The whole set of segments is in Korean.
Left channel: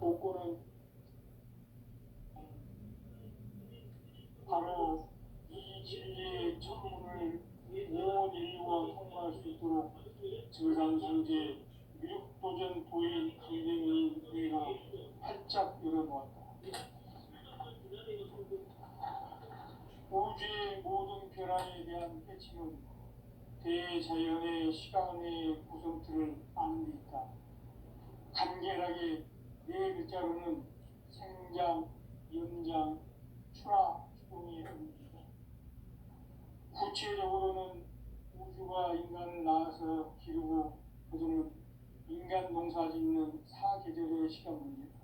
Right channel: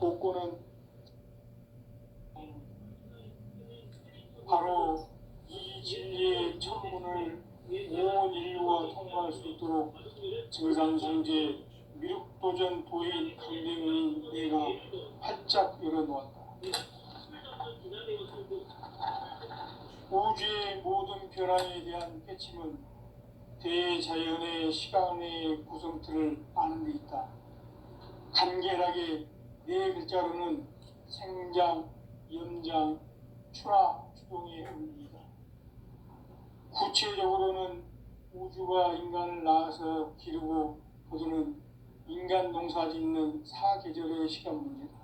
복고는 바로 이 진리의 천문을 온 인류가 통과할 수 있도록 증산성제 미륵도전 도인 강대의 내가 활짝 열어놓았다. 우주의 모든 변화에 대한 깨침은 대자연의 시간의 구성틀을 아는 데 있다. 간결하게 네 글자로는 생장, 연장, 추락, 추동의 의미이다. 구체적으로는 우주가 인간을 낳아서 기르고 거두는 인간 농사 짓는 사계절의 시간 문제다.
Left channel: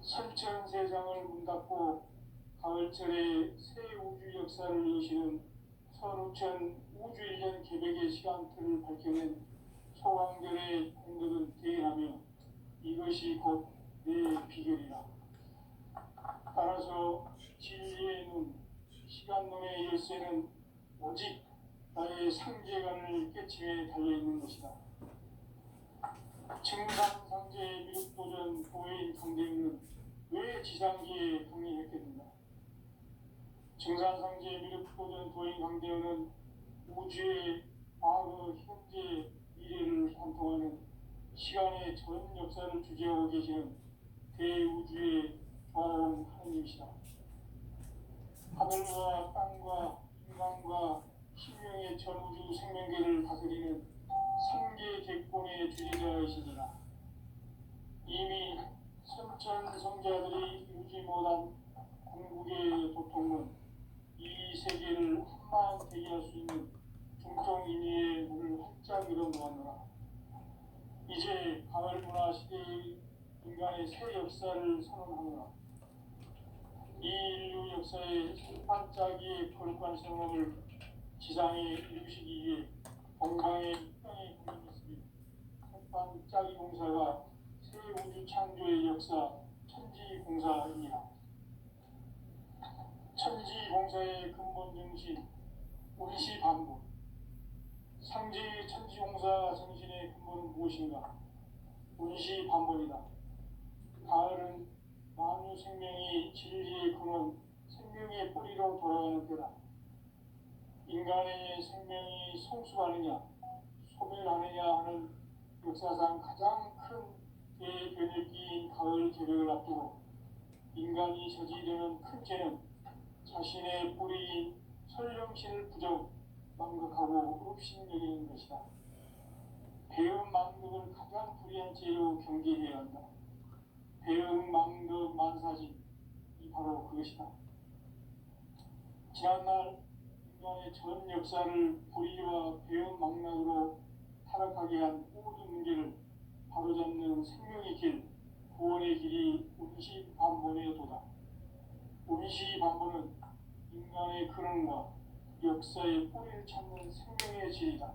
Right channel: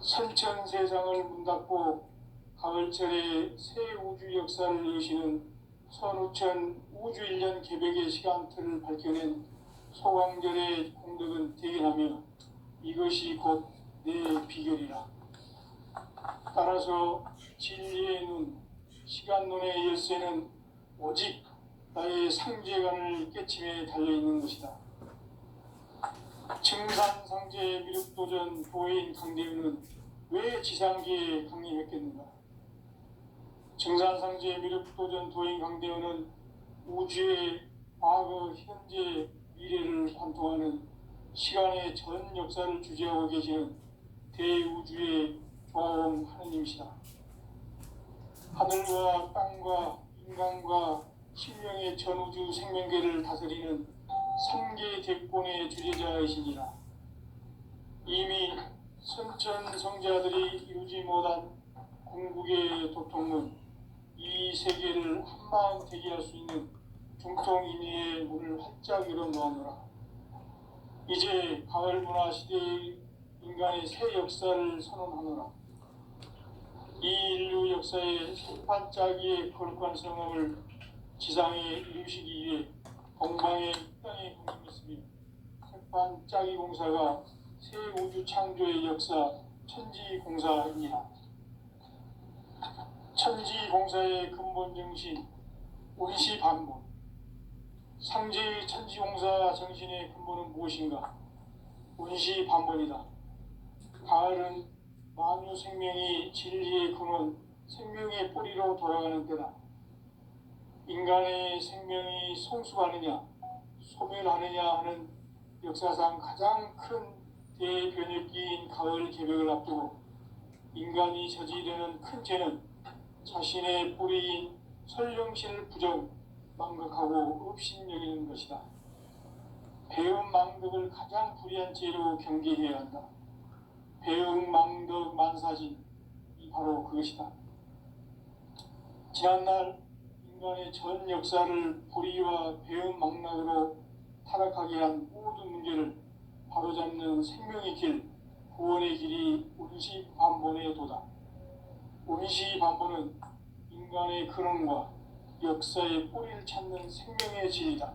선천 세상을 문 닫고 가을철에 새 우주 역사를 여시는 선우천 우주 1년 개벽의 시간틀을 밝혀낸 소광절의 공덕은 대견하며 이것이 곧 내 비결이라. 따라서 진리의 눈, 시간론의 열쇠는 오직 나의 상제관을 깨침에 달려있는 것이다. 증산상제 미륵도전 도인 강대우는 왜 지상기에 강림했겠는가? 증산상제 미륵도전 도인 강대우는 우주의 과거, 현재, 미래를 관통하는 시간의 전 역사를 주재하고 계시는 대우주의 조화원 하느님이시다. 하늘과 땅과 인간과 신명의 전우주 생명계를 다스리는 삼계 대권의 주재자이시니라. 이미 선천성자들이 이루지 못한 궁극의 도통문, 이 세계를 한마음 대기할 수 있는 중통인의의 문을 활짝 열어놓으노라. 이제 가을 문화 시대의 인간의 새 역사를 선언하노라. 이 인류 역사의 첫 반짝이의 거룩한 성함을 지상에 이루시기 위해 동방의 땅에 강림했으며 첫 반짝이 공사가 새 우주 창조의 역사 천지공사입니다. 천지공사의 근본 정신 원시반본. 상제의 천지공사 정신의 근본은 무엇인가? 원시반본이다. 가을은 만유 생명이 진리의 근원, 생명의 뿌리로 돌아가는 때다. 인간의 생명이 성숙하느냐, 소멸하느냐 하는 역사상 가장 큰 대변혁기인 가을 개벽을 앞두고 인간이 저지르는 큰 죄는 자신의 뿌리인 설령실 부정, 망극하고 업신여기는 것이다. 배음 망덕을 가장 불의한 죄로 경계해야 한다. 배음 망덕 만사진, 이 바로 그것이다. 지난날 인간의 전 역사를 불의와 배음 망락으로 타락하게 한 모든 문제를 바로잡는 생명의 길, 구원의 길이 원시반본의 도다. 원시반본은 인간의 근원과 역사의 뿌리를 찾는 생명의 진리다.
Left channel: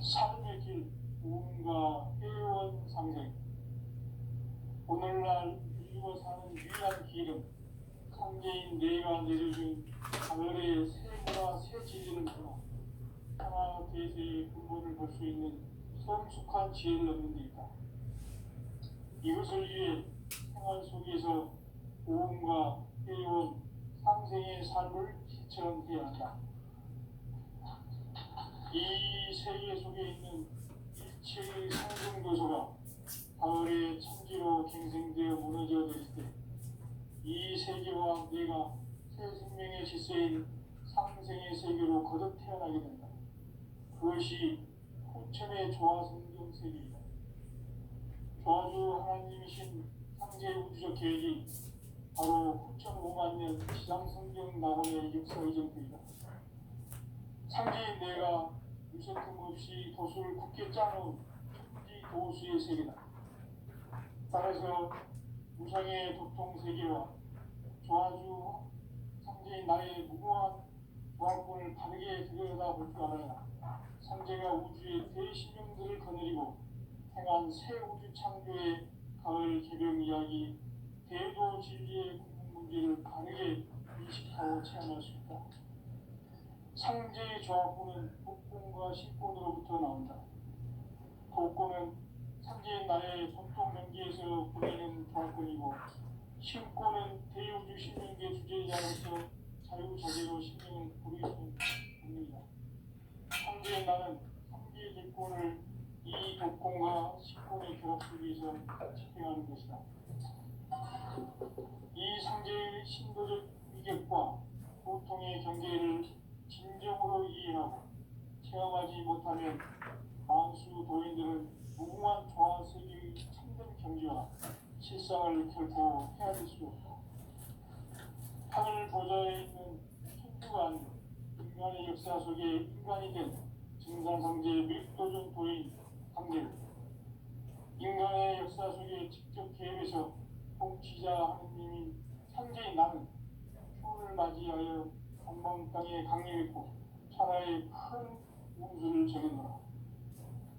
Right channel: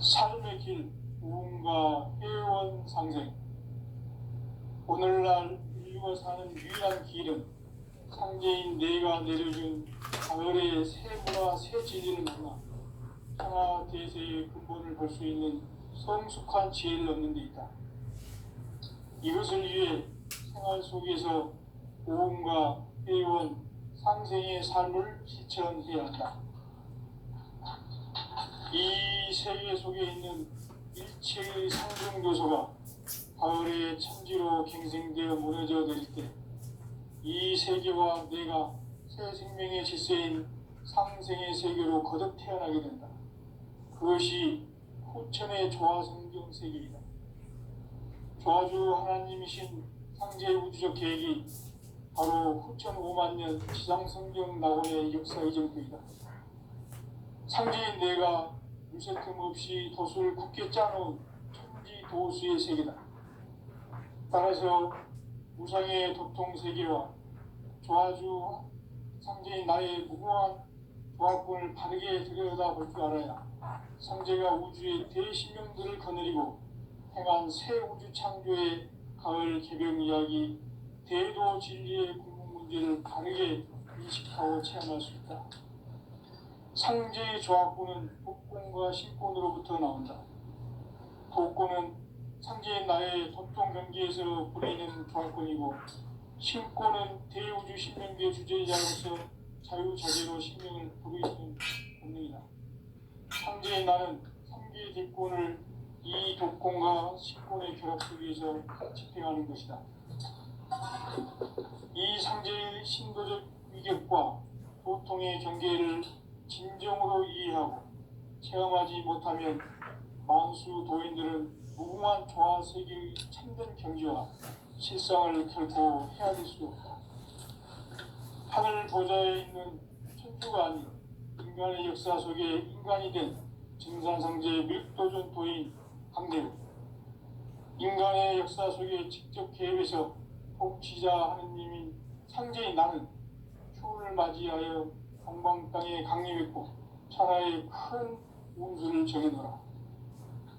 삶의 길, 우음과 회원 상생. 오늘날 인류가 사는 유일한 길은 상제인 내가 내려준 가을의 새 문화, 새 진리를 만나 평화 대세의 근본을 볼 수 있는 성숙한 지혜를 얻는 데 있다. 이것을 위해 생활 속에서 오음과 회원, 상생의 삶을 실천해야 한다. 이 세계 속에 있는 일체의 상승 요소가 가을의 천지로 갱생되어 무너져 내릴 때 이 세계와 내가 새 생명의 질서인 상생의 세계로 거듭 태어나게 된다. 그것이 후천의 조화성경 세계이다. 조화주 하나님이신 상제 우주적 계획이 바로 후천 5만 년 지상성경 낙원의 역사 이정표이다. 상제인 내가 유세틈 없이 도수를 굳게 짜놓은 천지 도수의 세계다. 따라서 무상의 도통 세계와 조화주 상제인 나의 무궁한 조화권을 바르게 들여다볼 줄 알아야 상제가 우주의 대신명들을 거느리고 행한 새 우주 창조의 가을 개벽 이야기, 대도 진리의 궁극 문제를 바르게 인식하고 체험할 수 있다. 상제의 조화권은 복권과 신권으로부터 나온다. 복권은 상제인 나의 전통 경기에서 부리는 조합권이고 신권은 대우주 신명기의 주제자로서 자유자재로 신명을 부르시는 본능이다. 상제인 나는 상계의 대권을 이 독권과 신권의 결합 속에서 집행하는 것이다. 이 상제의 신도적 위격과 보통의 경계를 진정으로 이해하고 체험하지 못하면 만수 도인들은 무궁한 조화 세계의 참된 경지와 실상을 결코 헤아릴 수 없다. 하늘 보좌에 있는 천주가 아닌 인간의 역사 속에 인간이 된 증산상제 밀도준 도인 강대로 인간의 역사 속에 직접 개입해서 통치자 하느님인 상제인 나는 추운을 맞이하여 동방 땅에 강림했고 천하의 큰 운수를 정해놓으라.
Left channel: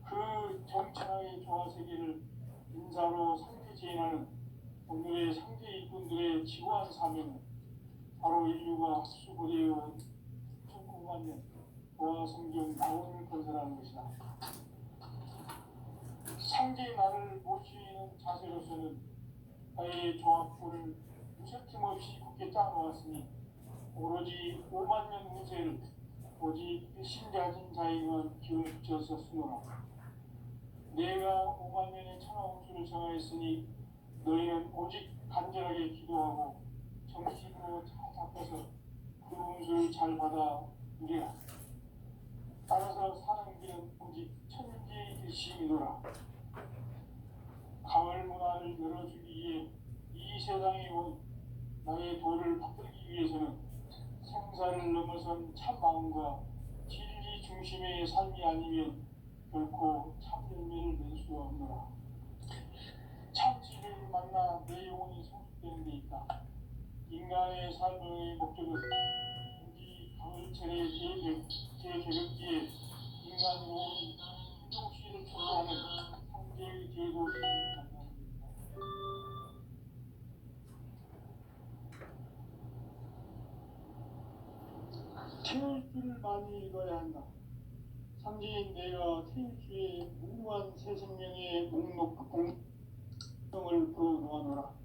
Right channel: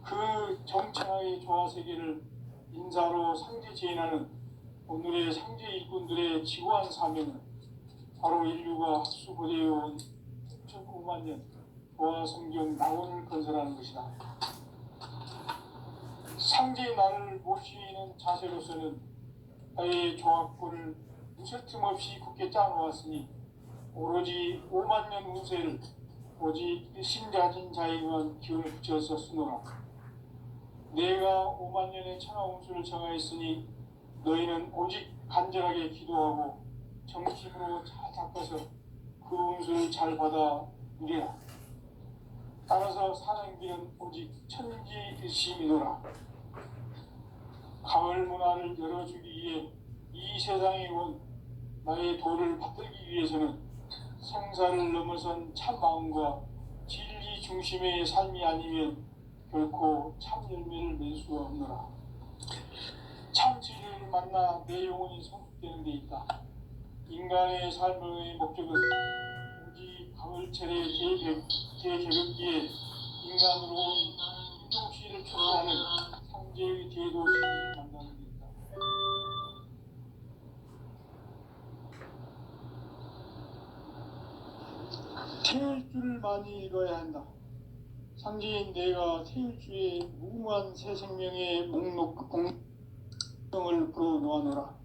그 정천하의 조화세계를 인사로 상제 제인하는 오늘의 상제 일꾼들의 지구한 사명은 바로 인류가 학수고대해온 6,900만 년 조화성경 낙원을 건설하는 것이다. 상제의 나를 모시는 자세로서는 나의 조합권을 무쇠 틈 없이 굳게 짜놓았으니 오로지 5만 년 운세를 오직 일심가진 자에게만 기운을 붙여서 쓰노라. 내가 5만 년의 천하 운수를 정하였으니 너희는 오직 간절하게 기도하고 정심으로 잘 닦아서 그 운수를 잘 받아 누리라. 따라서 사는 길은 오직 천지일심이노라. 가을 문화를 열어주기 위해 이 세상에 온 나의 도를 받들기 위해서는 생사를 넘어선 참 마음과 진리 중심의 삶이 아니면 결코 참 열매를 맺을 수가 없노라. 참 진리를 만나 내 영혼이 성숙되는 데 있다. 인간의 삶의 목적은 오직 가을철의 대개벽기에 인간으로 이동시를 초월하는 상제의 제도시를 만나는 데 있다. 태울 줄을 많이 읽어야 한다. 상제인 내가 태울 주의 무궁한 새 생명의 목록 공명을 풀어놓아노라.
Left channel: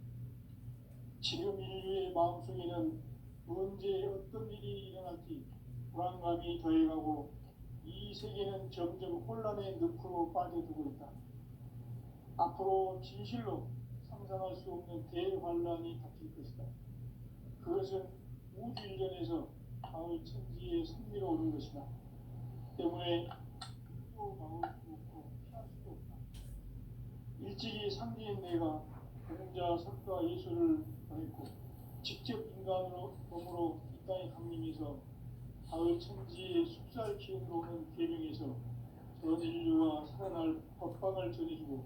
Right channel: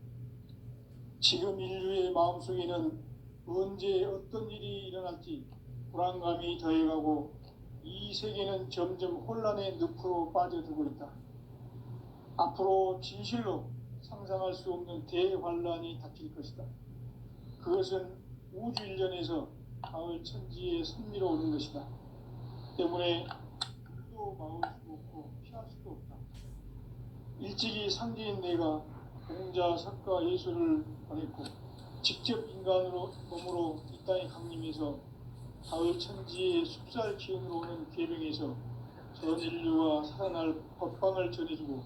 지금 인류의 마음속에는 언제 어떤 일이 일어날지 불안감이 더해가고 이 세계는 점점 혼란의 늪으로 빠져들고 있다. 앞으로 진실로 상상할 수 없는 대환란이 닥칠 것이다. 그것은 우주 일전에서 가을 천지의 섭리로 오는 것이다. 때문에 눈도 막을 수 없고 피할 수도 없다. 일찍이 상제인 내가 공자, 석가, 예수를 보냈고 직접 인간으로 몸으로 이 땅에 강림해서 가을 천지의 숲살 기운으로 오는 계명에서 전 인류가 살아날 법방을 전해주고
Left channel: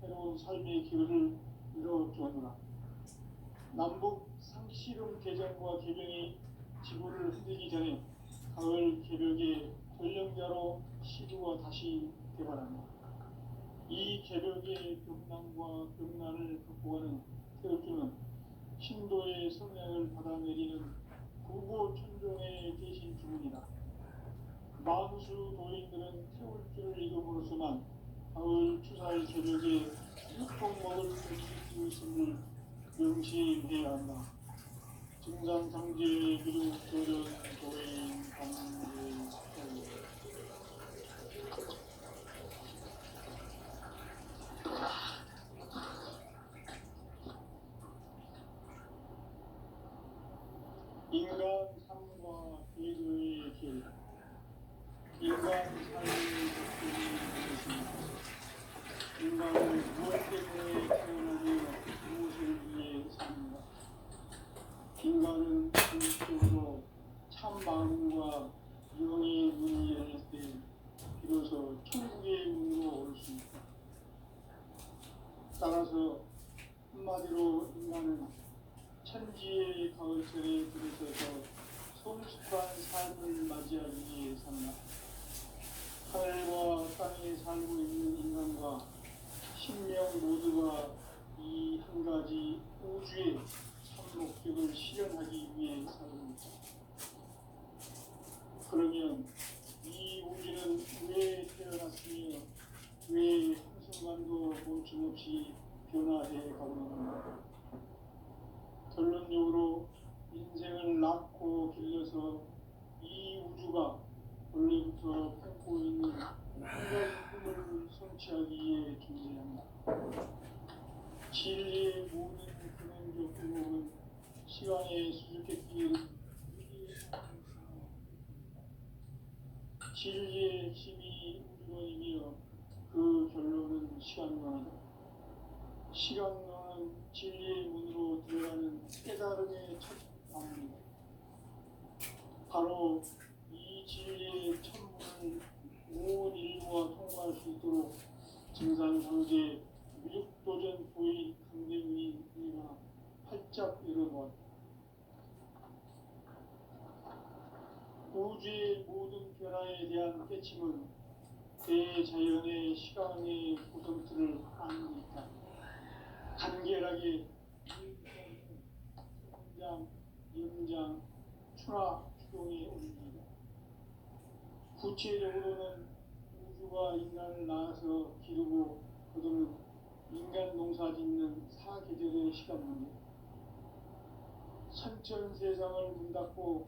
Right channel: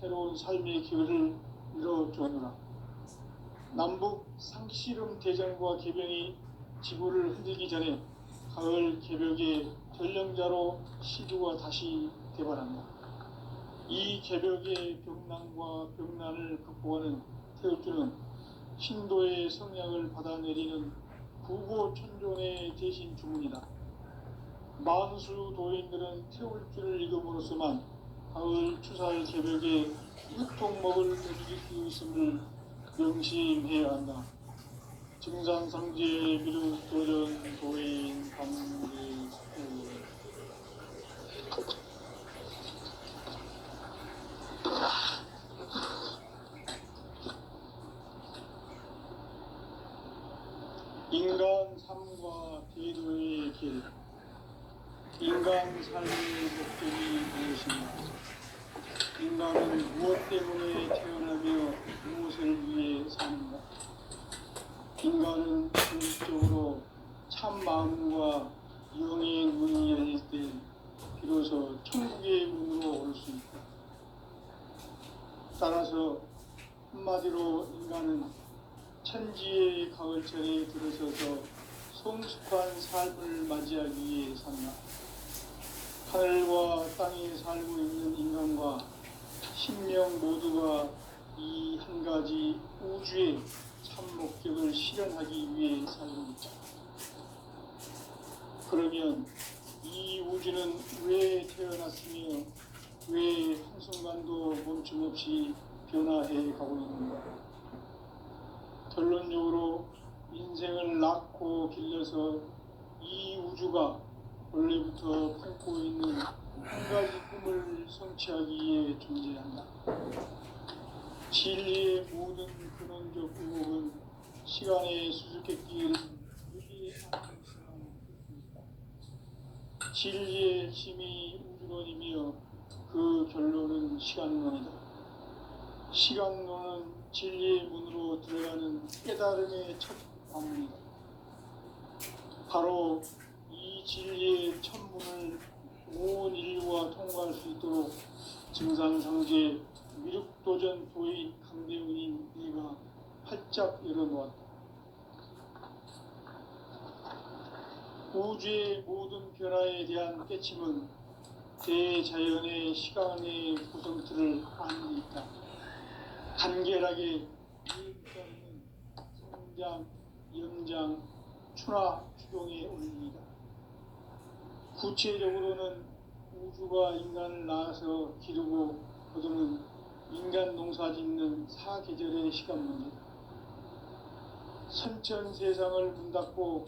새로운 삶의 기회를 이뤄주노라. 남북 상씨름 대전과 계병이 지구를 흔들기 전에 가을 개벽의 전령자로 시주가 다시 대발한다. 이 개벽의 병난과 병난을 극복하는 태울주는 신도의 성약을 받아내리는 구고천존의 대신 주문이다. 만수 도인들은 태울주를 읽음으로써만 가을 추살 개벽의 육통먹을 누릴 수 있음을 명심해야 한다. 증산상제 비루도전 도인 강제 인간 삶과 제도의 길. 인간 삶의 목적이 무엇인가? 인간은 무엇 때문에 태어나며 무엇을 위해 사는가? 인간은 궁극적으로 참 마음과 영의 문이 열릴 때 비로소 천국의 문으로 올 수 있다. 따라서 한마디로 인간은 천지의 가을철에 들어서서 성숙한 삶을 맞이하기 위해 산다. 하늘과 땅에 살고 있는 인간과 신명 모두가 이 한 가지 우주의 참 목적을 실현하기 위해 살고 있다. 그러면 이 우주는 왜 태어났으며 왜 순간순간도 멈춤없이 변화해 가고 있는 것. 결론적으로 인생을 낳고 길러서 이 우주가 원래부터 품고 있는 한 가지 꿈을 성취하기 위해 존재한다. 진리의 모든 근원적 의혹은 시간의 수수께끼를 유리하는 진리의 핵심이 우주론이며 그 결론은 시간론이다. 시간론은 진리의 문으로 들어가는 깨달음의 첫 방문이다. 바로 이 진리의 첫 문을 온 인류가 통과할 수 있도록 증산상제 미륵도전 도인 강대훈인 네가 활짝 열어놓았다. 우주의 모든 변화에 대한 깨침은 대자연의 시간의 구성틀을 아는 데 있다. 간결하게 이익자는 성장, 연장, 추나 추동의 원리이다. 구체적으로는 우주가 인간을 낳아서 기르고 거두는 인간 농사 짓는 사계절의 시간 문제다. 선천 세상을 문 닫고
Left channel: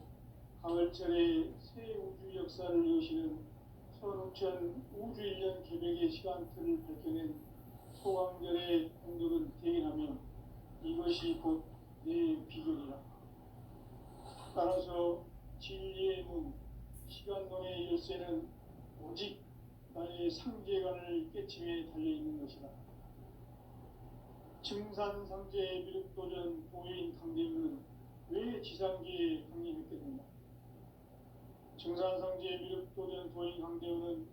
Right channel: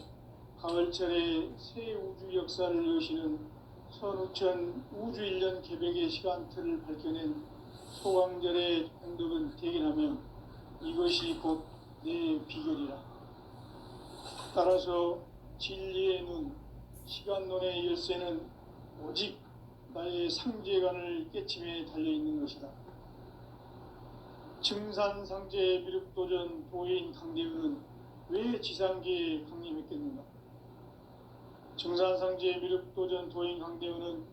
가을철에 새 우주 역사를 여시는 선우천 우주 1년 개백의 시간틀을 밝혀낸 소강절의 공덕은 대견하며 이것이 곧 내 비결이라. 따라서 진리의 눈, 시간론의 열쇠는 오직 나의 상제관을 깨침에 달려있는 것이다. 증산상제 미륵도전 도인 강대훈은 왜 지상계에 강림했겠는가? 증산상제 미륵도전 도인 강대훈은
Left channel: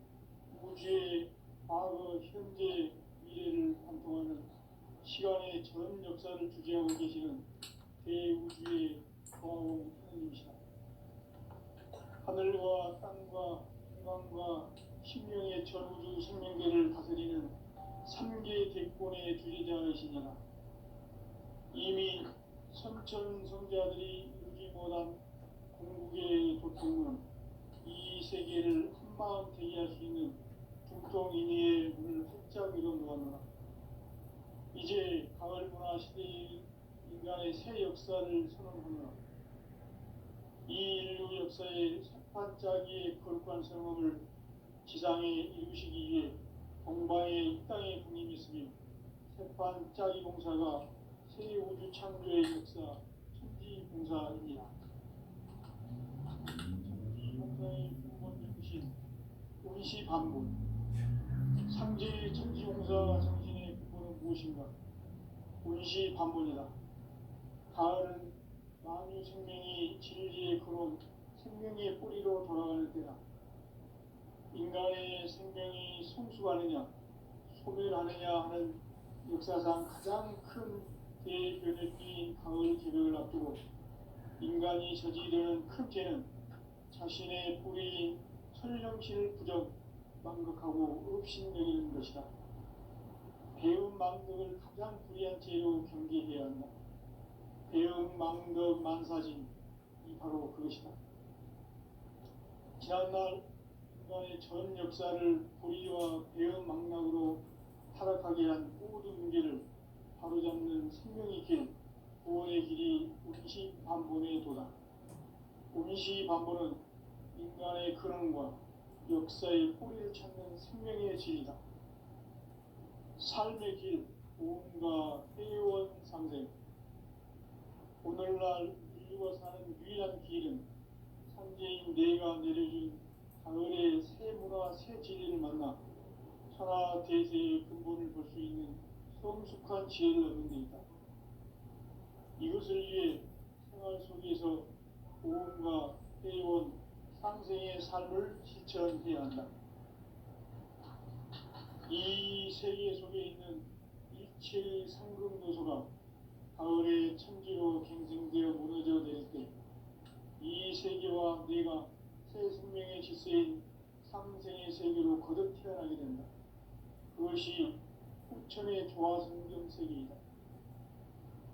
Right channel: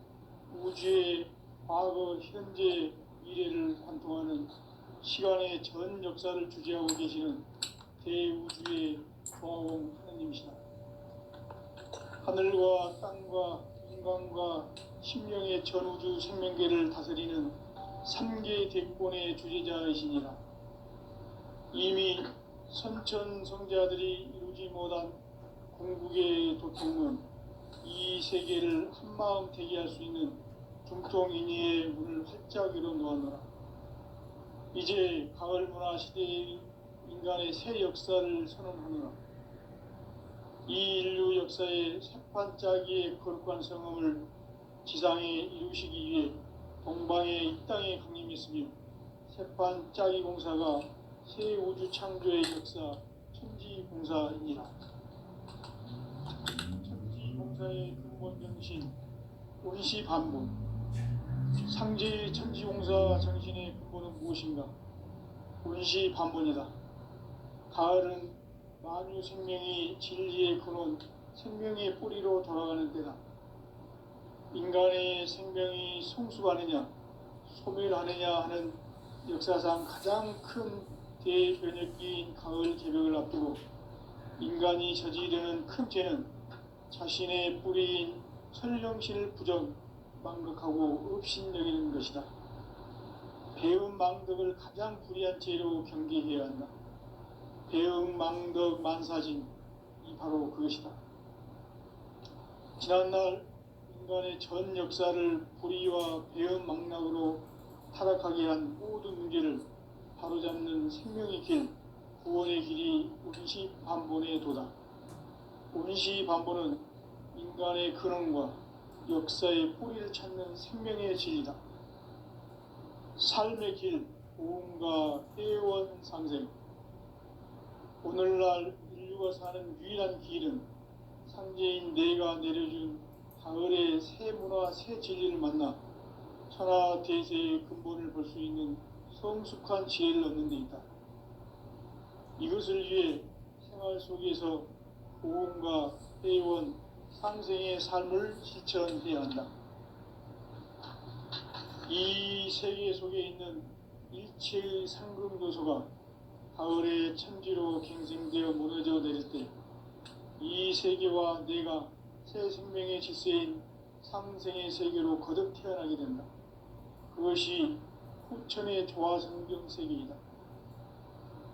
우주의 과거, 현재, 미래를 관통하는 시간의 전 역사를 주재하고 계시는 대우주의 조화원 하느님이시다. 하늘과 땅과 인간과 심령의 전우주 생명계를 다스리는 3개 대권의 주제자이시니라. 이미 선천성자들이 이루지 못한 궁극의 도통은 이 세계를 한마음 대기할 수 있는 중통인의의 문을 활짝 열어놓았노라. 이제 가을 문화 시대의 인간의 새 역사를 선언하노라. 이 인류 역사의 새판짜기의 거룩한 성음을 지상에 이루시기 위해 동방의 이 땅에 강림했으며 새판짜기 공사가 새 우주 창조의 역사 천지공사이니라. 천지공사의 근본 정신 원시반복. 상제의 천지공사 정신의 근본은 무엇인가? 원시반복이다. 가을은 만유 생명이 진리의 근원, 생명의 뿌리로 돌아가는 때다. 인간의 생명이 성숙하느냐, 소멸하느냐 하는 역사상 가장 큰 대변혁기인 가을 개벽을 앞두고 인간이 저지르는 큰 죄는 자신의 뿌리인 설령신을 부정, 망극하고 업신여기는 것이다. 배움 망덕을 가장 불의한 죄로 경계해야 한다. 배움 망덕 만사진, 이 바로 그것이다. 지난날 인간의 전 역사를 불의와 배움 망락으로 타락하게 한 모든 문제를 바로잡는 생명의 길, 구원의 길이 원시반본의 도다. 원시반본은 인간의 근원과 역사의 뿌리를 찾는 생명의 진리다. 삶의 길, 보험과 회원 상생. 오늘날 인류가 사는 유일한 길은 상제인 내가 내려준 가을의 새 문화, 새 진리를 만나 천하 대세의 근본을 볼 수 있는 성숙한 지혜를 얻는 데 있다. 이것을 위해 생활 속에서 보험과 회원, 상생의 삶을 실천해야 한다. 이 세계 속에 있는 일체의 상금도소가 가을의 천지로 갱생되어 무너져 내릴 때 이 세계와 내가 새 생명의 질서인 상생의 세계로 거듭 태어나게 된다. 그것이 후천의 조화성경 세계이다.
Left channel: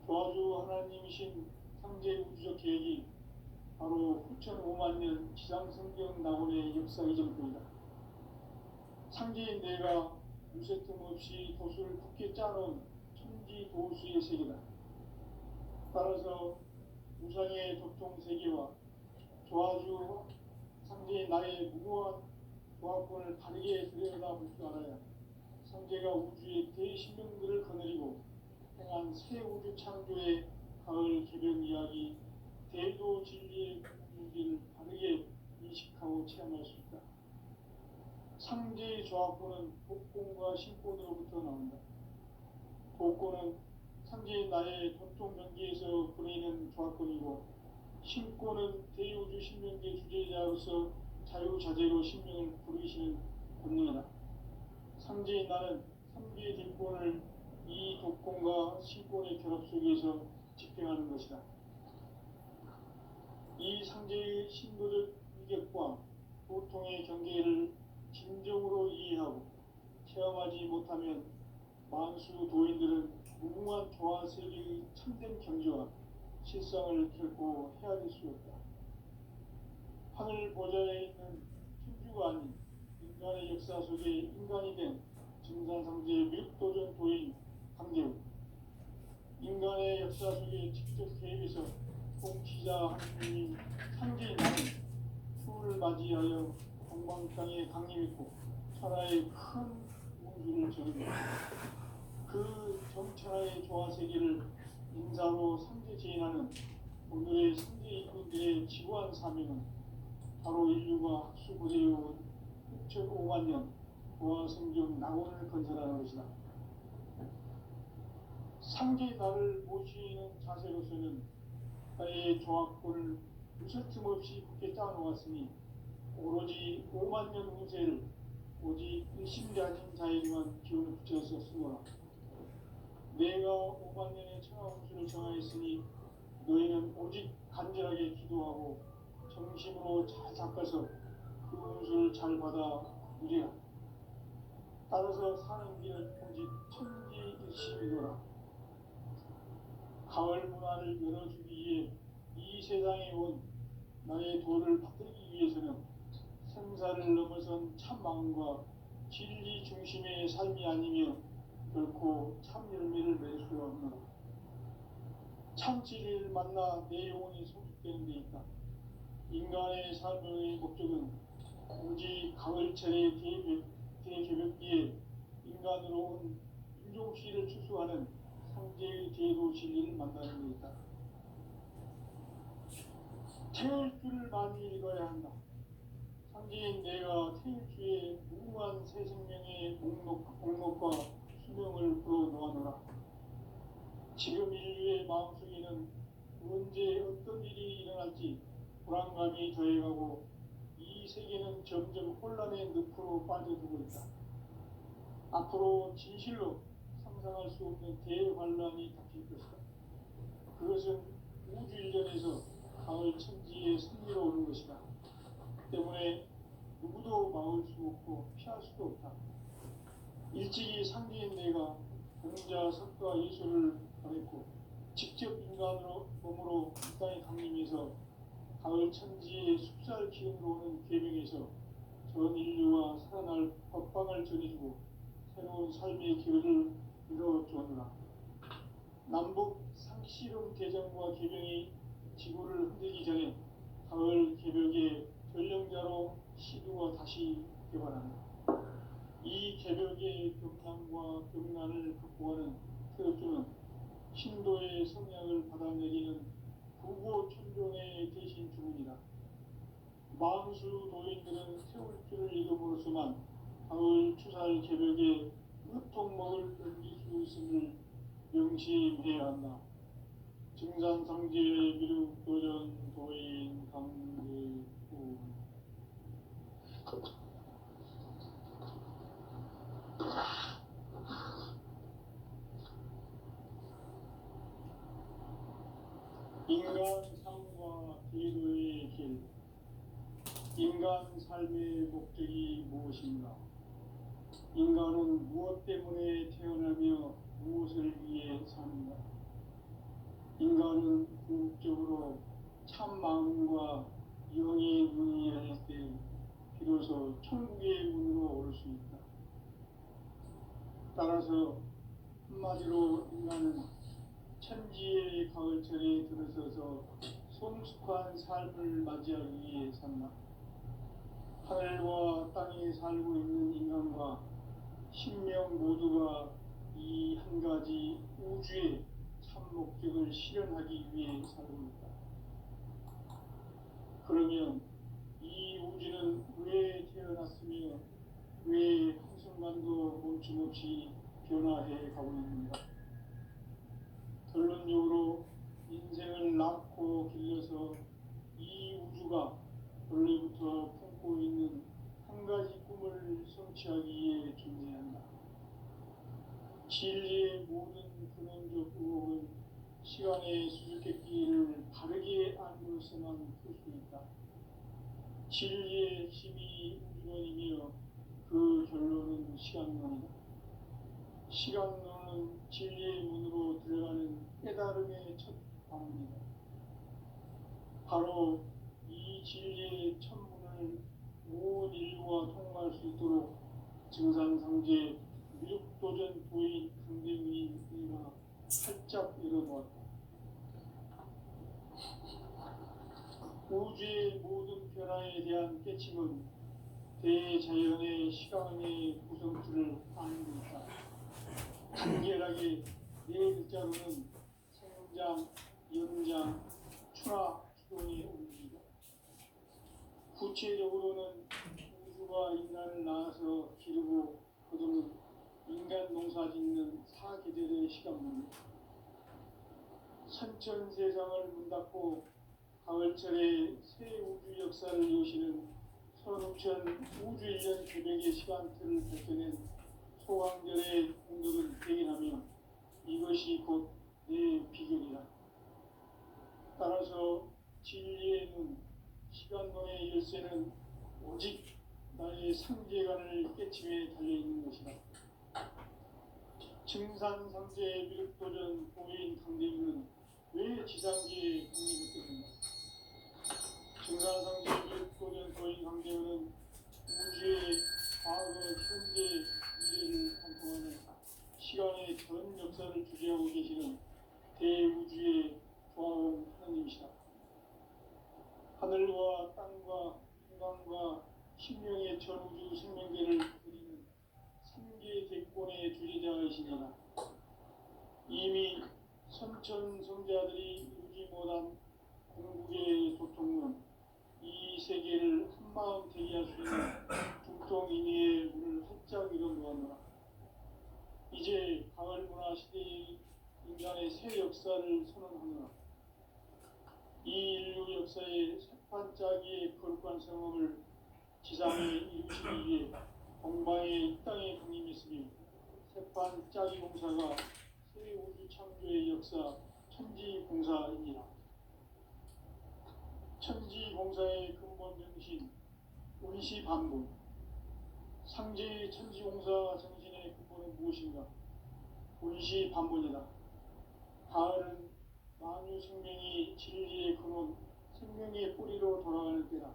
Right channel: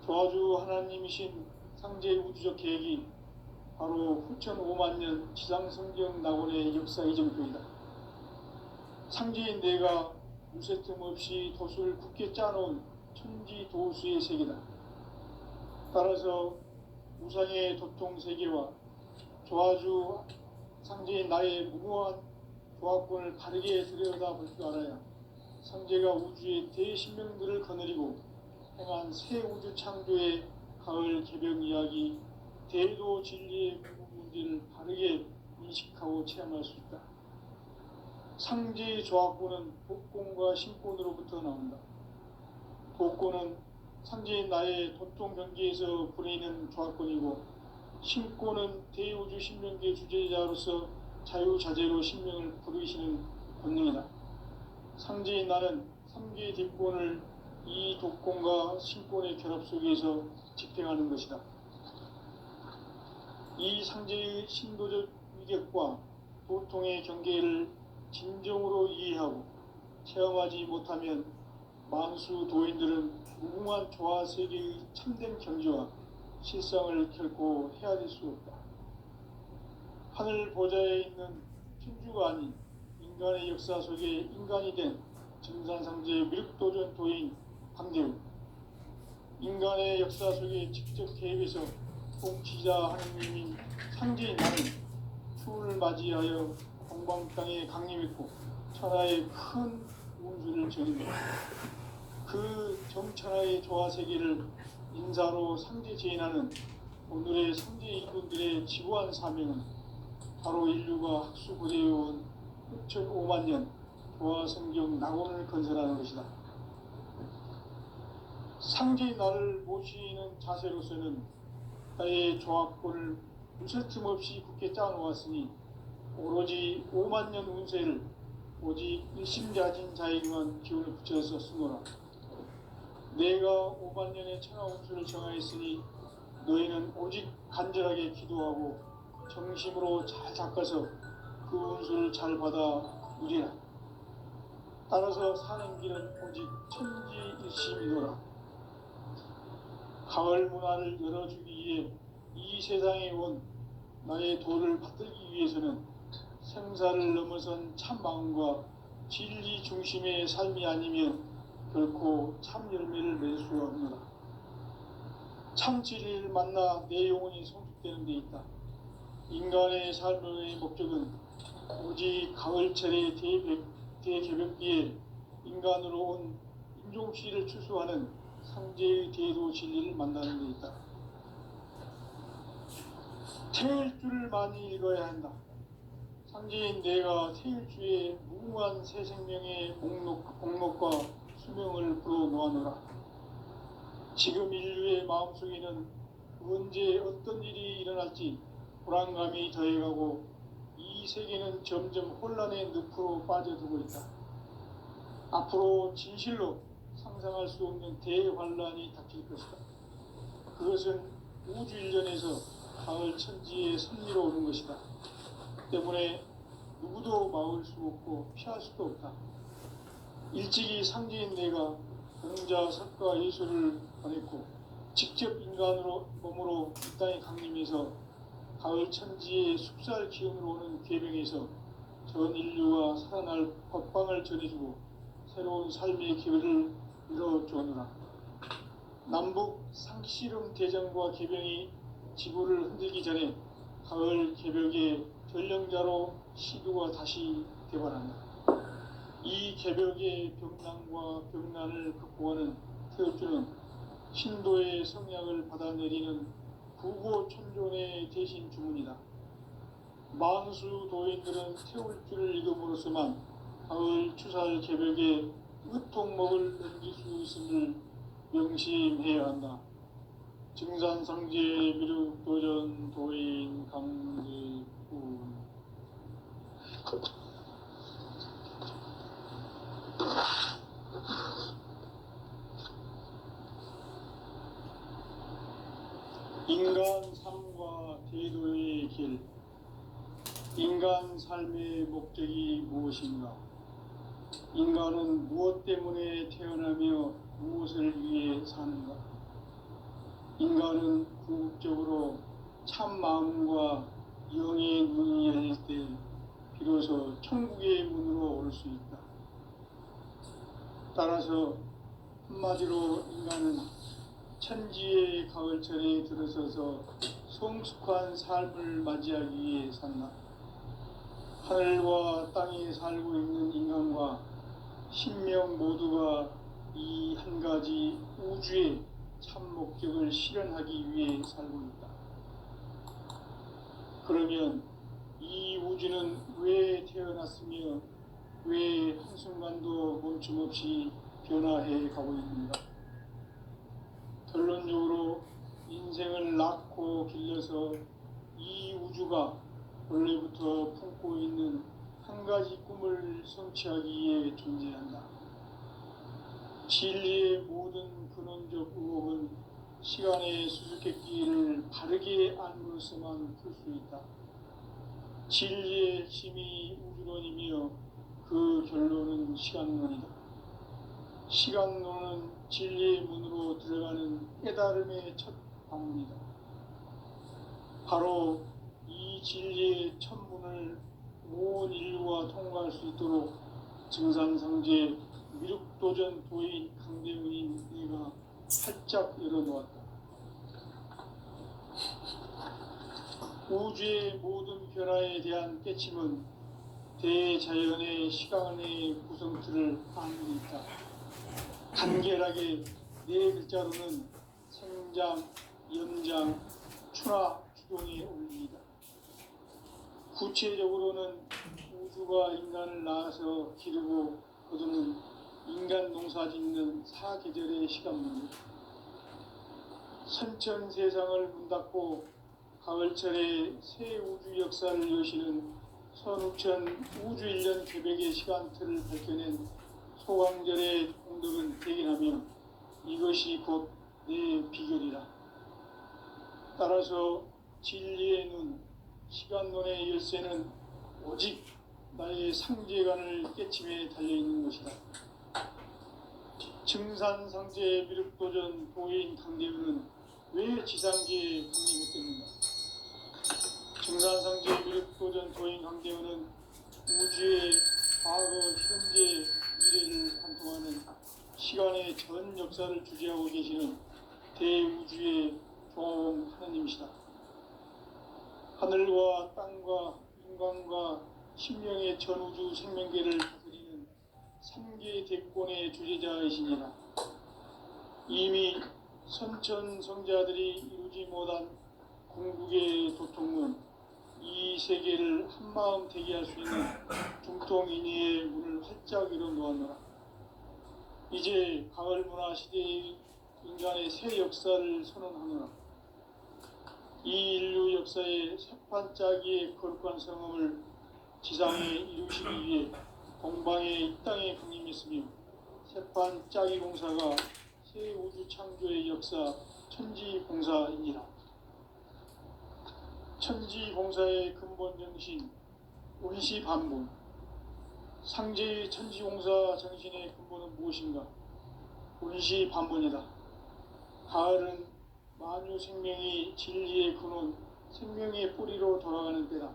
조화주 하나님이신 상제 우주적 계획이 바로 후천 5만 년 지상성경 낙원의 역사 이정표이다. 상제인 내가 무쇠틈 없이 돛을 굳게 짜놓은 천지 도수의 세계다. 따라서 우상의 도통 세계와 조화주 상제인 나의 무궁한 조합권을 바르게 들여다볼 줄 알아야 상제가 우주의 대신명들을 거느리고 행한 새 우주 창조의 가을 개벽 이야기, 대도 진리의 문제를 바르게 인식하고 체험할 수 있다. 상제의 조합권은 복권과 신권으로부터 나온다. 복권은 상제인 나의 도통 경계에서 부리는 조합권이고, 신권은 대우주 신명계 주제자로서 자유자재로 신명을 부르시는 권능이다. 상제인 나는 3개의 뒷권을 이 독권과 신권의 결합 속에서 집행하는 것이다. 이 상제의 신도적 위격과 도통의 경계를 진정으로 이해하고 체험하지 못하면 만수 도인들은 무궁한 조화 세계의 참된 경지와 실상을 결코 헤아릴 수 없다. 하늘 보좌에 있는 천주가 아닌 인간의 역사 속에 인간이 된 증산상제의 미륵도전 도인 강재우, 인간의 역사 속에 직접 개입해서 통치자 하느님인 상제인 나는 추운을 맞이하여 동방 땅에 강림했고 천하의 큰 운수를 전입니다. 그 정천하의 조화 세계를 인사로 상제 제인하는 오늘의 상제 인군들의 지구한 사명은 바로 인류가 학수고대해온 6,500만 년 조화 성경 낙원을 건설하는 것이다. 상제의 나를 모시는 자세로서는 나의 조합권을 무쇠틈 없이 굳게 짜놓았으니 오로지 5만 년 운세를 오직 일심자진 자에게만 기운을 붙여서 쓰노라. 내가 5만 년의 천하 운수를 정하였으니 너희는 오직 간절하게 기도하고 정심으로 잘 닦아서 그 운수를 잘 받아 누리라. 따라서 사는 길은 오직 천지일심이노라. 가을 문화를 열어주기 위해 이 세상에 온 나의 도를 받들기 위해서는 생사를 넘어선 참 마음과 진리 중심의 삶이 아니면 결코 참 열매를 맺을 수가 없노라. 참 진리를 만나 내 영혼이 성숙되는 데 있다. 인간의 삶의 목적은 오직 가을철의 대개벽기에 인간으로 온 인종씨를 추수하는 상제의 대도 진리를 만나는 데 있다. 태일주를 많이 읽어야 한다. 상제인 내가 태일주의 무궁한 새 생명의 목록과 수명을 불어놓아노라. 지금 인류의 마음속에는 언제 어떤 일이 일어날지 불안감이 더해가고 이 세계는 점점 혼란의 늪으로 빠져들고 있다. 앞으로 진실로 상상할 수 없는 대환란이 닥칠 것이다. 그것은 우주 일전에서 가을 천지의 섭리로 오는 것이다. 때문에 누구도 막을 수 없고 피할 수도 없다. 일찍이 상제인 내가 공자, 석가, 예수를 보냈고 직접 인간으로 몸으로 이 땅에 강림해서 가을 천지의 숲살 기운으로 오는 계명에서 전 인류가 살아날 법방을 전해주고 새로운 삶의 기회를 열어주느라. 남북 상씨름 대전과 개병이 지구를 흔들기 전에 가을 개벽의 전령자로 시도가 다시 개발한다. 이 개벽의 병난과 병난을 극복하는 태울주는 신도의 성향을 받아내리는 구고천존의 대신 주문이다. 만수 도인들은 태울주를 읽음으로써만 가을 추살 개벽의 으통목을 넘길 수 있음을 명심해야 한다. 증산상제 미륵도전 도인 강제군. 인간 삶과 대도의 길. 인간 삶의 목적이 무엇인가? 인간은 무엇 때문에 태어나며 무엇을 위해 사는가? 인간은 궁극적으로 참 마음과 영의 문이 열릴 때 비로소 천국의 문으로 올 수 있다. 한마디로 인간은 천지의 가을철에 들어서서 성숙한 삶을 맞이하기 위해 산다. 하늘과 땅에 살고 있는 인간과 신명 모두가 이 한 가지 우주의 참 목적을 실현하기 위해 살고 있다. 그러면 이 우주는 왜 태어났으며 왜 한순간도 멈춤없이 변화해 가고 있는가? 결론적으로 인생을 낳고 길러서 이 우주가 원래부터 품고 있는 한 가지 꿈을 성취하기 위해 존재한다. 진리의 모든 근원적 의혹은 시간의 수수께끼를 바르게 안으로서만 풀 수 있다. 진리의 핵심이 우주론이며 그 결론은 시간론이다. 시간론은 진리의 문으로 들어가는 깨달음의 첫 방문이다. 바로 이 진리의 첫 문을 온 인류가 통과할 수 있도록 증산상제 미륵도전 도인 강대훈인 내가 활짝 열어놓았다. 우주의 모든 변화에 대한 깨침은 대자연의 시간의 구성틀을 아는 데 있다. 간결하게 네 글자로는 생장, 연장, 추나 추동의 원리이다. 구체적으로는 우주가 인간을 낳아서 기르고 거두는 인간 농사 짓는 사계절의 시간문이다. 선천 세상을 문 닫고 가을철에 새 우주 역사를 여시는 선우천 우주 1년 개백의 시간틀을 밝혀낸 소강절의 공덕을 대견하며 이것이 곧 내 비결이라. 따라서 진리의 눈, 시간론의 열쇠는 오직 나의 상제관을 깨침에 달려있는 것이다. 증산상제 미륵도전 도인 강대훈은 왜 지상계에 강림했겠는가? 증산상제 미륵도전 도인 강대훈은 우주의 과거, 현재, 미래를 관통하는 시간의 전 역사를 주재하고 계시는 대우주의 조화원 하나님이시다. 하늘과 땅과 인간과 신명의 전우주 생명계를 다스리는 3계 대권의 주재자이시니라. 이미 선천성자들이 이루지 못한 궁극의 도통은 이 세계를 한마음 되게 할 수 있는 중통인의의 문을 활짝 열어놓았노라. 이제 가을 문화 시대의 인간의 새 역사를 선언하노라. 이 인류 역사의 새판짜기의 거룩한 성음을 지상에 이루시기 위해 동방의 이 땅에 강림했으며 새판짜기 공사가 새 우주 창조의 역사 천지봉사이니라. 천지봉사의 근본 정신 원시반본. 상제의 천지봉사 정신의 근본은 무엇인가? 원시반본이다. 가을은 만유 생명이 진리의 근원, 생명의 뿌리로 돌아가는 때다.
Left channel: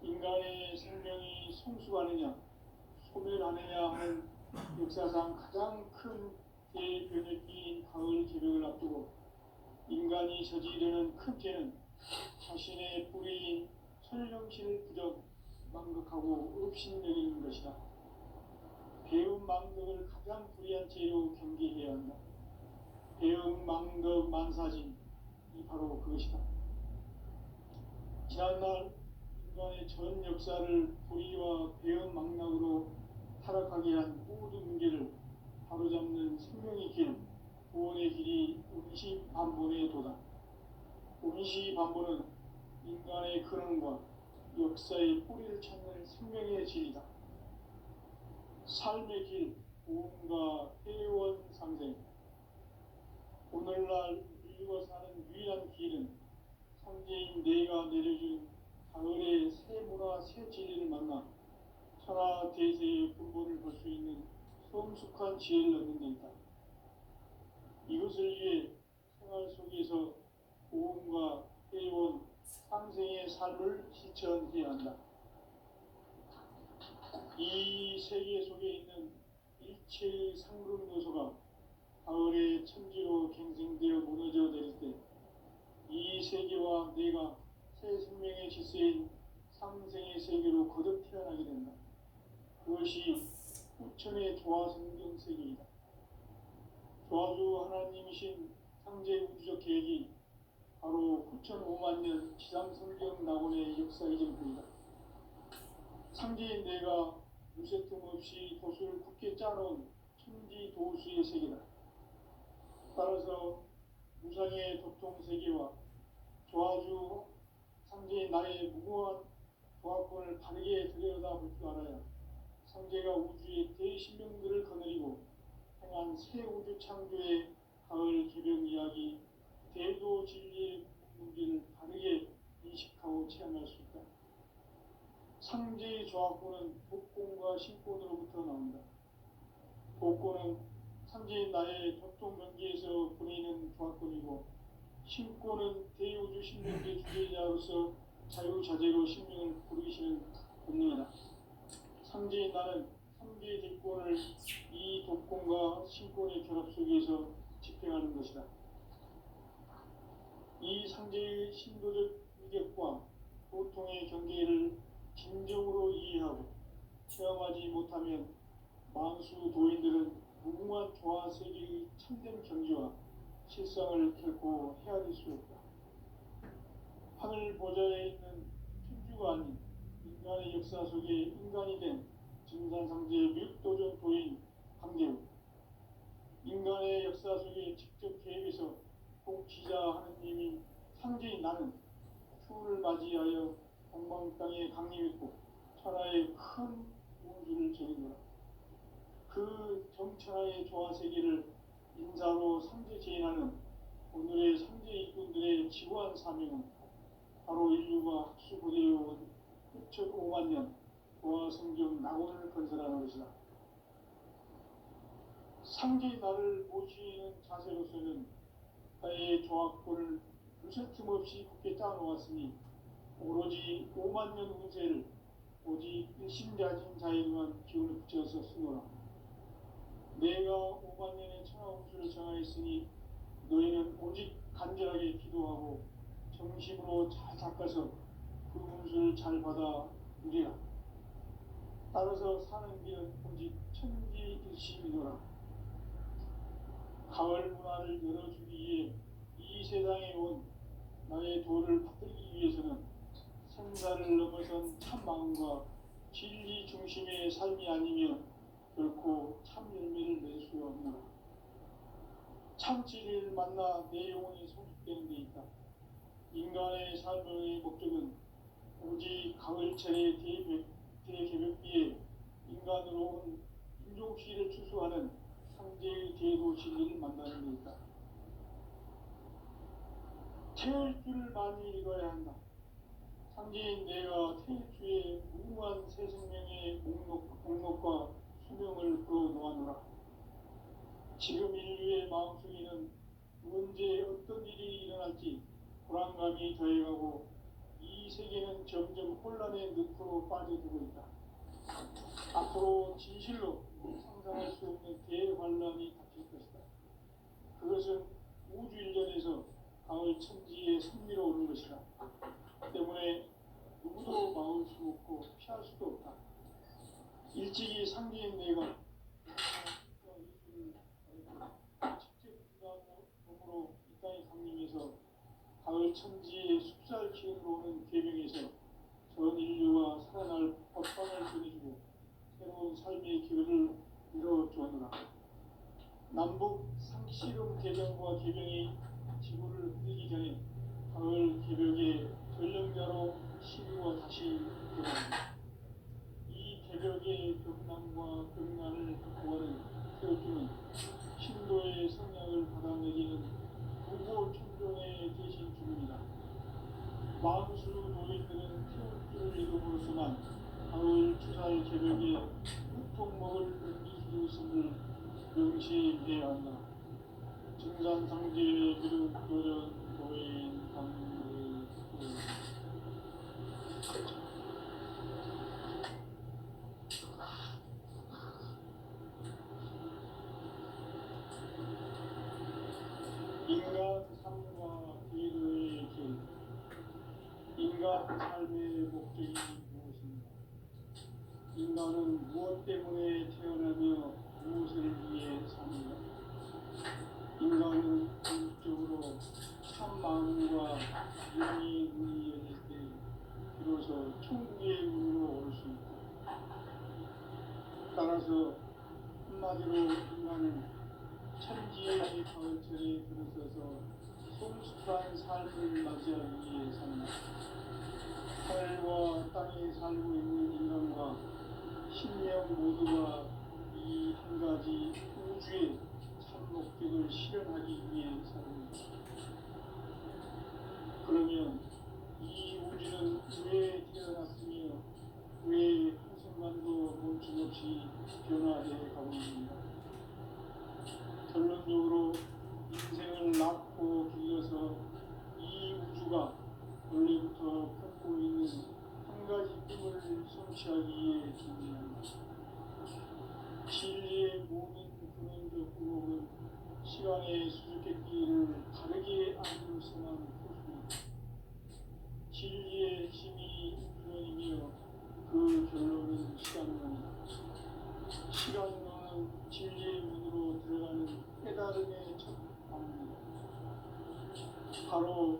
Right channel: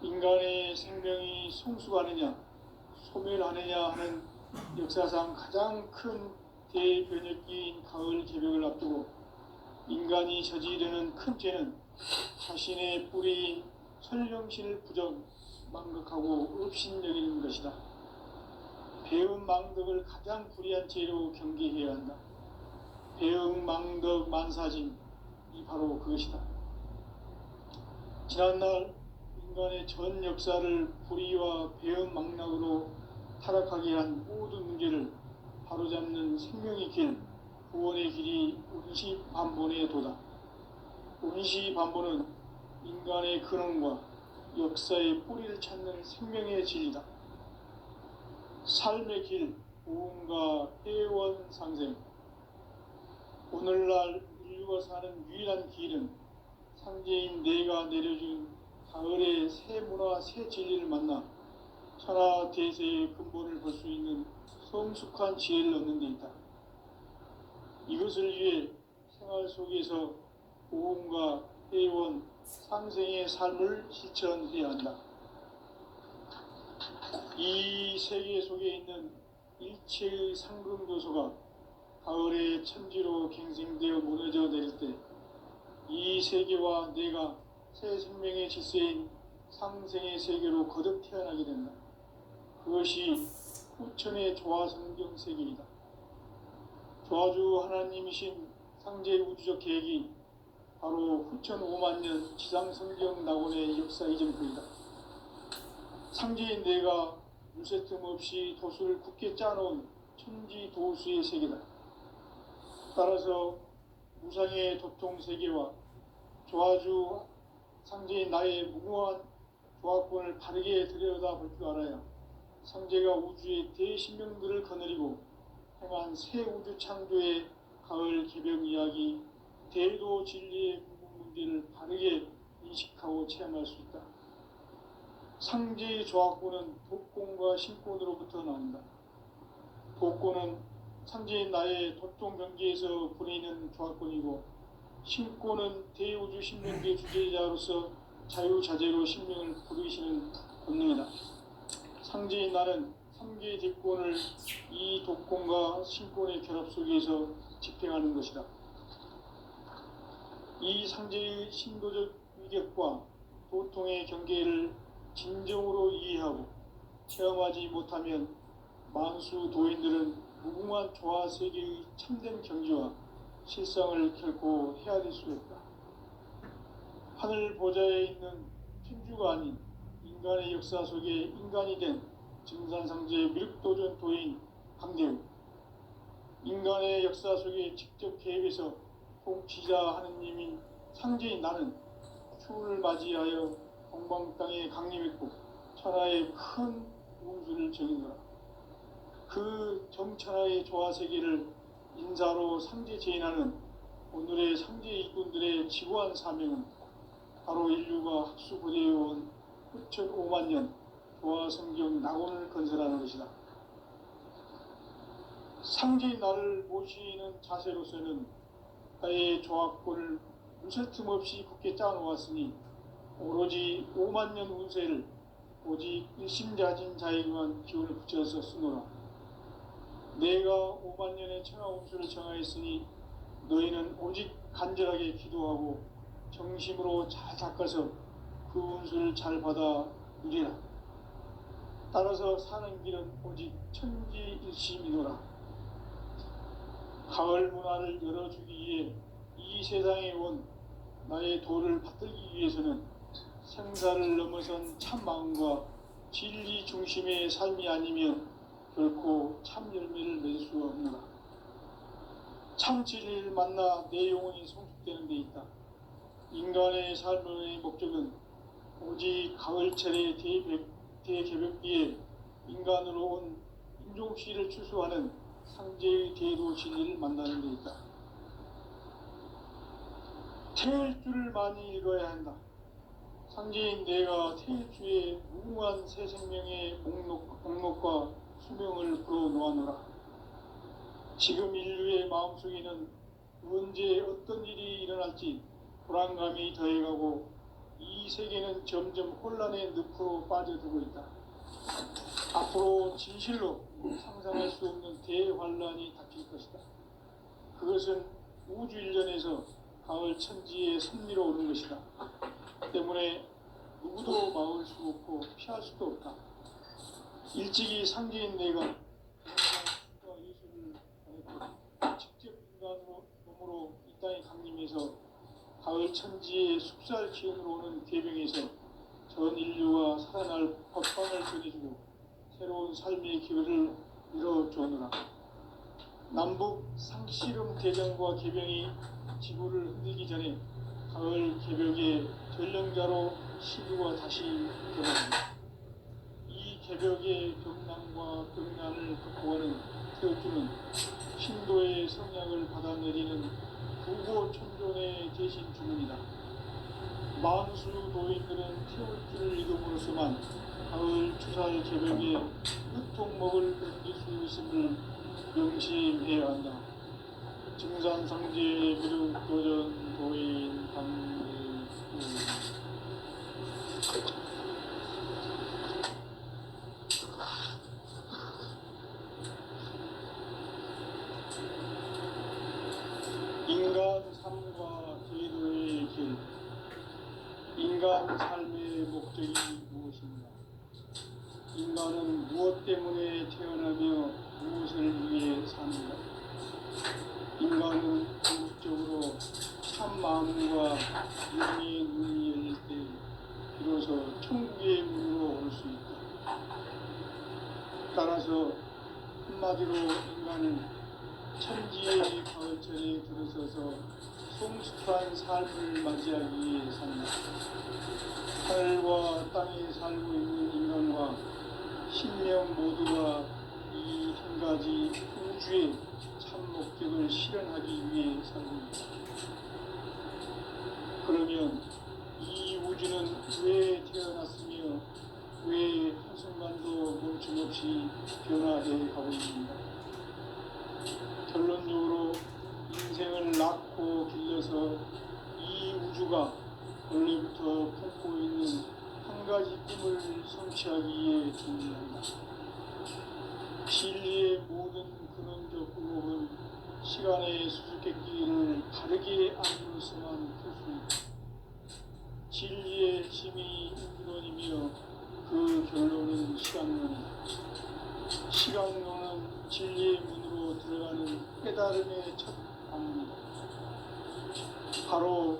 인간의 생명이 성숙하느냐, 소멸하느냐 하는 역사상 가장 큰 대변혁기인 가을 개벽을 앞두고 인간이 저지르는 큰 죄는 자신의 뿌리인 설령실 부정, 망덕하고 업신여기는 것이다. 배음 망덕을 가장 불의한 죄로 경계해야 한다. 배음 망덕 만사진, 이 바로 그것이다. 지난날 인간의 전 역사를 불의와 배음 망락으로 타락하게 한 모든 문제를 바로잡는 생명의 길, 구원의 길이 원시반본의 도다. 원시반본은 인간의 근원과 역사의 뿌리를 찾는 생명의 진리다. 삶의 길, 보험과 회원 상생. 오늘날 인류가 사는 유일한 길은 상제인 내가 내려준 가을의 새 문화, 새 진리를 만나 천하 대세의 근본을 볼 수 있는 성숙한 지혜를 얻는 데 있다. 이것을 위해 생활 속에서 보험과 회원, 상생의 삶을 실천해야 한다. 이 세계 속에 있는 일체의 상금 요소가 천지로 갱생되어 무너져 내릴 때 이 세계와 내가 새 생명의 질서인 상생의 세계로 거듭 태어나게 된다. 그것이 후천의 조화성경 세계이다. 조화주 하나님이신 상제 우주적 계획이 바로 후천 5만 년 지상성경 낙원의 역사 이전부이다. 상제인 내가 물새 틈 없이 도수를 굳게 짜놓은 천지 도수의 세계다. 따라서 무상의 도통 세계와 조화주 상제인 나의 무궁한 조화권을 바르게 들여다볼 줄 알아야 상제가 우주의 대신명들을 거느리고 행한 새 우주 창조의 가을 개벽 이야기, 대도 진리의 문제를 바르게 인식하고 체험할 수 있다. 상제의 조화권은 독권과 신권으로부터 나온다. 독권은 상제인 나의 도통 경계에서 부리는 조화권이고, 신권은 대우주 신명계 주제자로서 자유자재로 신명을 부르시는 본능이다. 상제인 나는 3개의 대권을 이 독권과 신권의 결합 속에서 집행하는 것이다. 이 상제의 신도적 위격과 도통의 경계를 진정으로 이해하고 체험하지 못하면 만수 도인들은 무궁한 조화 세계의 참된 경지와 실상을 결코 헤아릴 수 없다. 하늘 보좌에 있는 천주가 아닌 인간의 역사 속에 인간이 된 증산상제 미륵도전 도인 강대우, 인간의 역사 속에 직접 개입해서 통치자 하느님인 상제인 나는 추를 맞이하여 동방 땅에 강림했고 천하의 큰 용수를 정인노라. 그 정천하의 조화세계를 인사로 상제 제인하는 오늘의 상제 일꾼들의 지구한 사명은 바로 인류가 학수고대해온 후천 5만 년 조화성경 낙원을 건설하는 것이다. 상제인 나를 모시는 자세로서는 나의 조화권을 무쇠 틈 없이 굳게 짜놓았으니 오로지 5만 년 운세를 오직 일심자진 자에게만 기운을 붙여서 쓰노라. 내가 5만 년의 천하 운수를 정하였으니 너희는 오직 간절하게 기도하고 정심으로 잘 닦아서 그 운수를 잘 받아 누리라. 따라서 사는 길은 오직 천지일심이노라. 가을 문화를 열어주기 위해 이 세상에 온 나의 도를 받들기 위해서는 생사를 넘어선 참 마음과 진리 중심의 삶이 아니면 결코 참 열매를 맺을 수 없노라. 참 진리를 만나 내 영혼이 성숙되는 데 있다. 인간의 삶의 목적은 오직 가을철의 대개벽기에 인간으로 온 인종시를 추수하는 상제의 대도 진리를 만나는 데 있다. 태일주를 많이 읽어야 한다. 상제인 내가 태일주의 무궁한 새 생명의 목록과 수명을 불어놓아노라. 지금 인류의 마음속에는 언제 어떤 일이 일어날지 불안감이 더해가고 이 세계는 점점 혼란의 늪으로 빠져들고 있다. 앞으로 진실로 상상할 수 없는 대환란이 닥칠 것이다. 그것은 우주 일전에서 가을 천지의 섭리로 오는 것이다. 때문에 누구도 막을 수 없고 피할 수도 없다. 일찍이 상제인 내가 예수를 가르쳐 직접 인간으로 몸으로 이 땅에 강림해서 가을 천지의 숙살 기운으로 오는 계명에서 전 인류가 살아날 법방을 전해주고 새로운 삶의 기회를 이뤄주었노라. 남북 상씨름 대전과 개병이 지구를 흔들기 전에 가을 개벽의 전령자로 시구가 다시 돌아옵니다. 이 개벽의 격난과 극난을 극복하는 태우주는 신도의 성향을 받아내리는 부고 천존의 대신 주문이다. 만수 도인들은 태우주를 이름으로서만 가을 추살 개벽의 흑통목을 견딜 수 있음을 명심해야 한다. 증산상제의 미륵도전 도인 강대수. 인간 삶과 제도의 길, 인간 삶의 목적이 무엇인가? 인간은 무엇 때문에 태어나며 무엇을 위해 사는가? 인간은 궁극적으로 참 마음과 영의 눈이 열릴 때 비로소 천국의 문으로 올 수 있다. 따라서 한마디로 인간은 천지의 가을철에 들어서서 성숙한 삶을 맞이하기 위해 산다. 하늘과 땅에 살고 있는 인간과 신명 모두가 이 한 가지 우주의 참 목적을 실현하기 위해 살고 있다. 그러면 이 우주는 왜 태어났으며 왜 한순간도 멈춤없이 변화해 가고 있는가? 결론적으로 인생을 낳고 길러서 이 우주가 원래부터 품고 있는 한 가지 꿈을 성취하기 위해 존재한다. 진리의 모든 근원적 의혹은 시간의 수수께끼를 다르게 안으로서만 풀 수 있다. 진리의 힘이 우주론이며 그 결론은 시간론이다. 시간론은 진리의 문으로 들어가는 깨달음의 첫 방문이다. 바로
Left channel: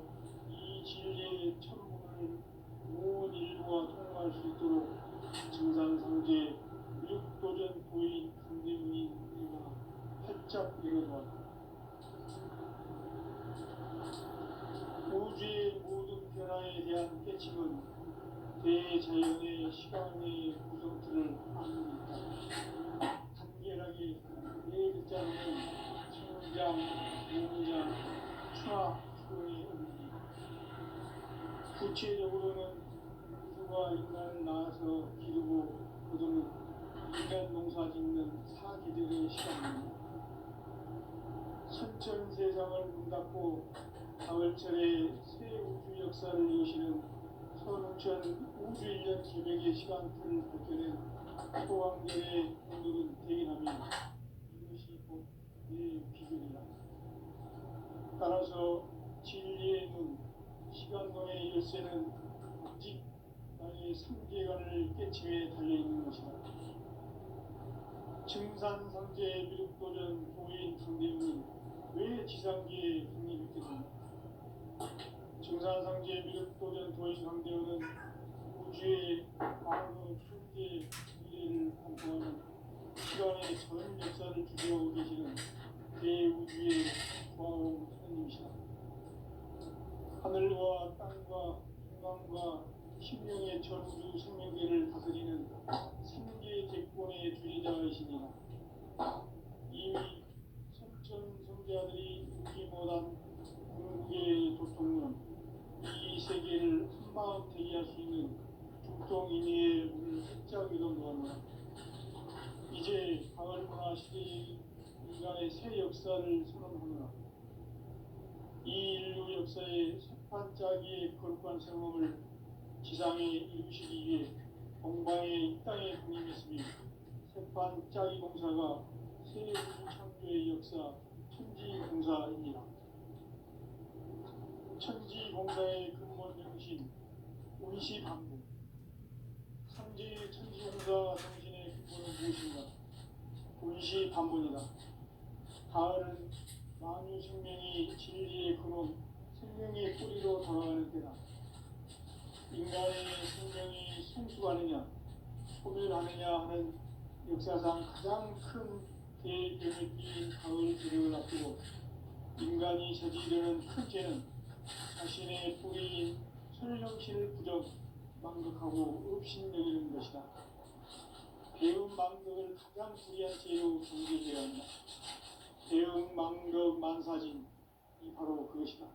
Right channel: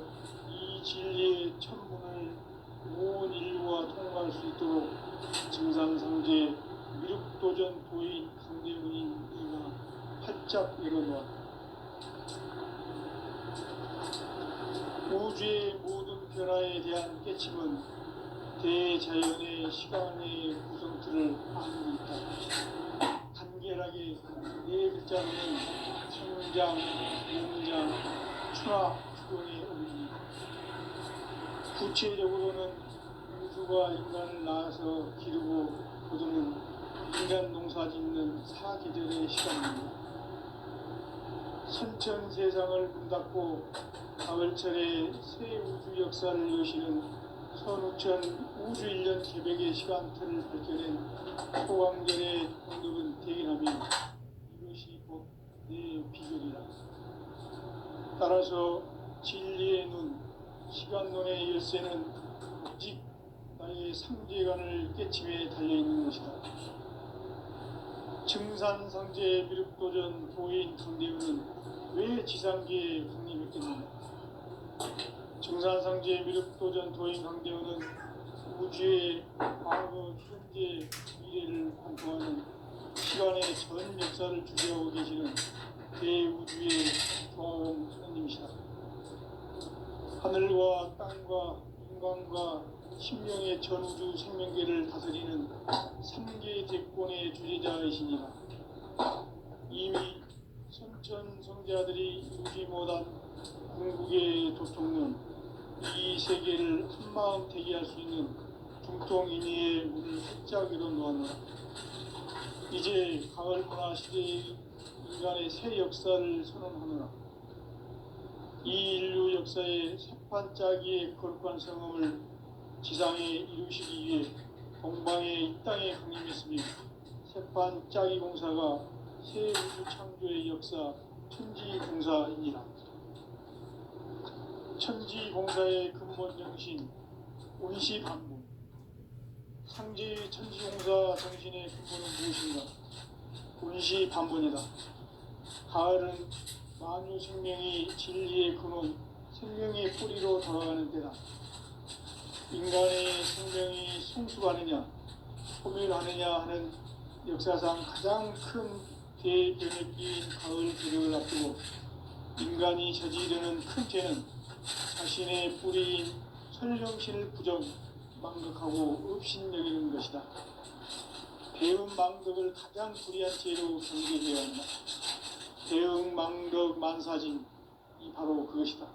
이 진리의 천문을 온 인류가 통과할 수 있도록 증산상제 미륵도전 도인 강대문인 내가 활짝 열어놓았다. 우주의 모든 변화에 대한 깨침은 대자연의 시간의 구성틀을 아는 있다. 간결하게 네 글자는 성장, 용장, 추락, 추동의 의미. 구체적으로는 우주가 인간을 낳아서 기르고 거두는 인간 농사 짓는 사계절의 시간입니다. 선천 세상을 문 닫고 가을철에 새 우주 역사를 여시는 선우천 우주 1년 개백의 시간틀을 밝혀낸 소강절의 오늘은 대기하며 이것이 곧 내 비결이라. 따라서 진리의 눈, 시간론의 열쇠는 오직 나의 상제관을 깨침에 달려있는 것이다. 증산상제 미륵도전 도인 강대우는 왜 지상계에 국립했겠는가? 증산상제 미륵도전 도인 강대우는 우주의 과거, 현재, 미래를 관통하는 시간의 전 역사를 주재하고 계시는 대우주의 조화원 하나님이시다. 하늘과 땅과 인간과 신명의 전우주 생명계를 다스리는 3계 대권의 주제자이시니라. 이미 선천 성자들이 이루지 못한 궁극의 도통론, 이 세계를 한마음 대기할 수 있는 중통인의의 문을 활짝 열어놓았노라. 이제 가을 문화 시대의 인간의 새 역사를 선언하노라. 이 인류 역사의 새판짜기의 거룩한 성음을 지상에 이루시기 위해 동방의 이 땅에 강림했으며 새판짜기 공사가 새 우주 창조의 역사 천지공사이니라. 천지공사의 근본 정신 온시반복. 상제의 천지공사 정신의 근본은 무엇인가? 온시반복이다. 가을은 만유 생명이 진리의 근원, 생명의 뿌리로 돌아가는 때다. 인간의 생명이 성숙하느냐, 소멸하느냐 하는 역사상 가장 큰 대변혁기인 가을 기력을 앞두고 인간이 저지르는 큰 죄는 자신의 뿌리인 설령신을 부정, 망덕하고 업신여기는 것이다. 배은 망덕을 가장 불의한 죄로 경계해야 한다. 배은 망덕 만사진, 이 바로 그것이다.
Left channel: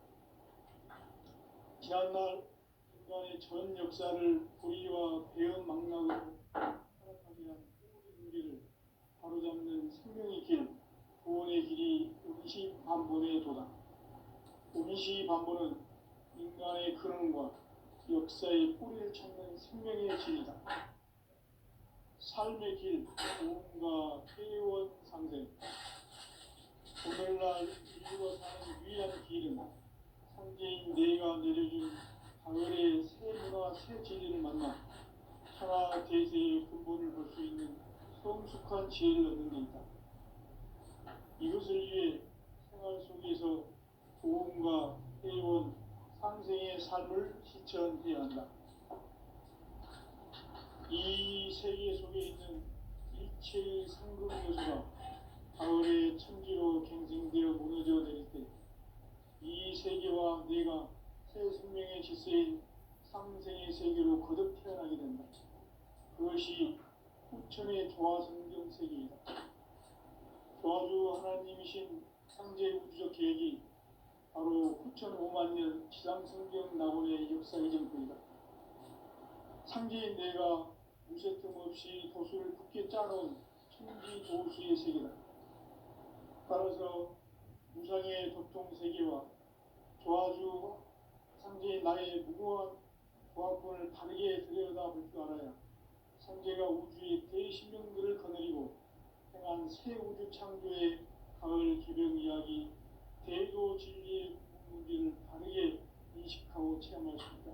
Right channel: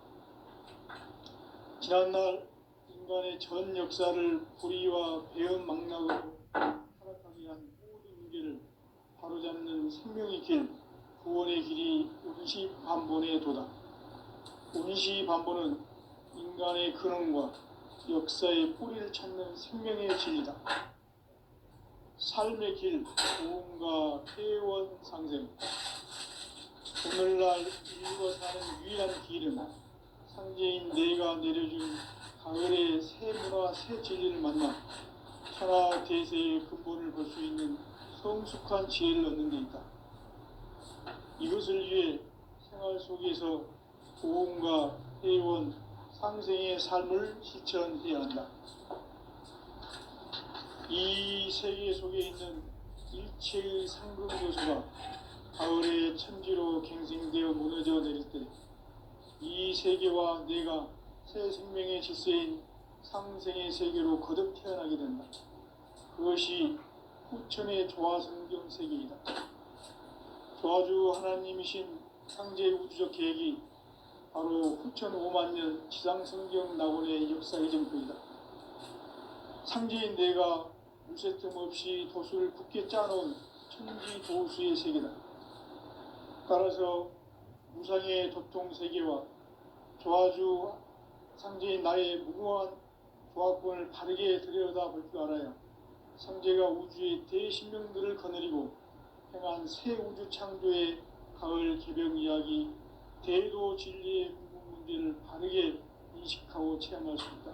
지난날 인간의 전 역사를 불의와 배은 망락으로 타락하게 한 모든 문제를 바로잡는 생명의 길, 구원의 길이 온시반본의 도다. 온시반본은 인간의 근원과 역사의 뿌리를 찾는 생명의 진리다. 삶의 길, 고음과 폐원 상생. 오늘날 오늘날 인류가 사는 유일한 길은 상제인 내가 내려준 가을의 새 문화 새 진리를 만나 천하 대세의 근본을 볼 수 있는 성숙한 지혜를 얻는 데 있다. 이것을 위해 생활 속에서 보험과 회원, 상생의 삶을 실천해야 한다. 이 세계 속에 있는 일체의 상급 요소가 가을의 천지로 갱생되어 무너져 내릴 때 이 세계와 내가 새 생명의 질서인 상생의 세계로 거듭 태어나게 된다. 그것이 후천의 조화성경 세계이다. 조화주 하나님이신 상제 우주적 계획이 바로 후천 5만 년 지상성경 낙원의 역사의 정표이다. 상제인 내가 무쇠틈 없이 도수를 굳게 짜놓은 천지 도수의 세계다. 따라서 무상의 도통 세계와 조화주 상제인 나의 무궁한 조화권을 바르게 들여다볼 줄 알아야 상제가 우주의 대신명들을 거느리고 행한 새 우주 창조의 가을 개벽 이야기, 대도 진리의 궁극 문제를 바르게 인식하고 체험할 수 있다.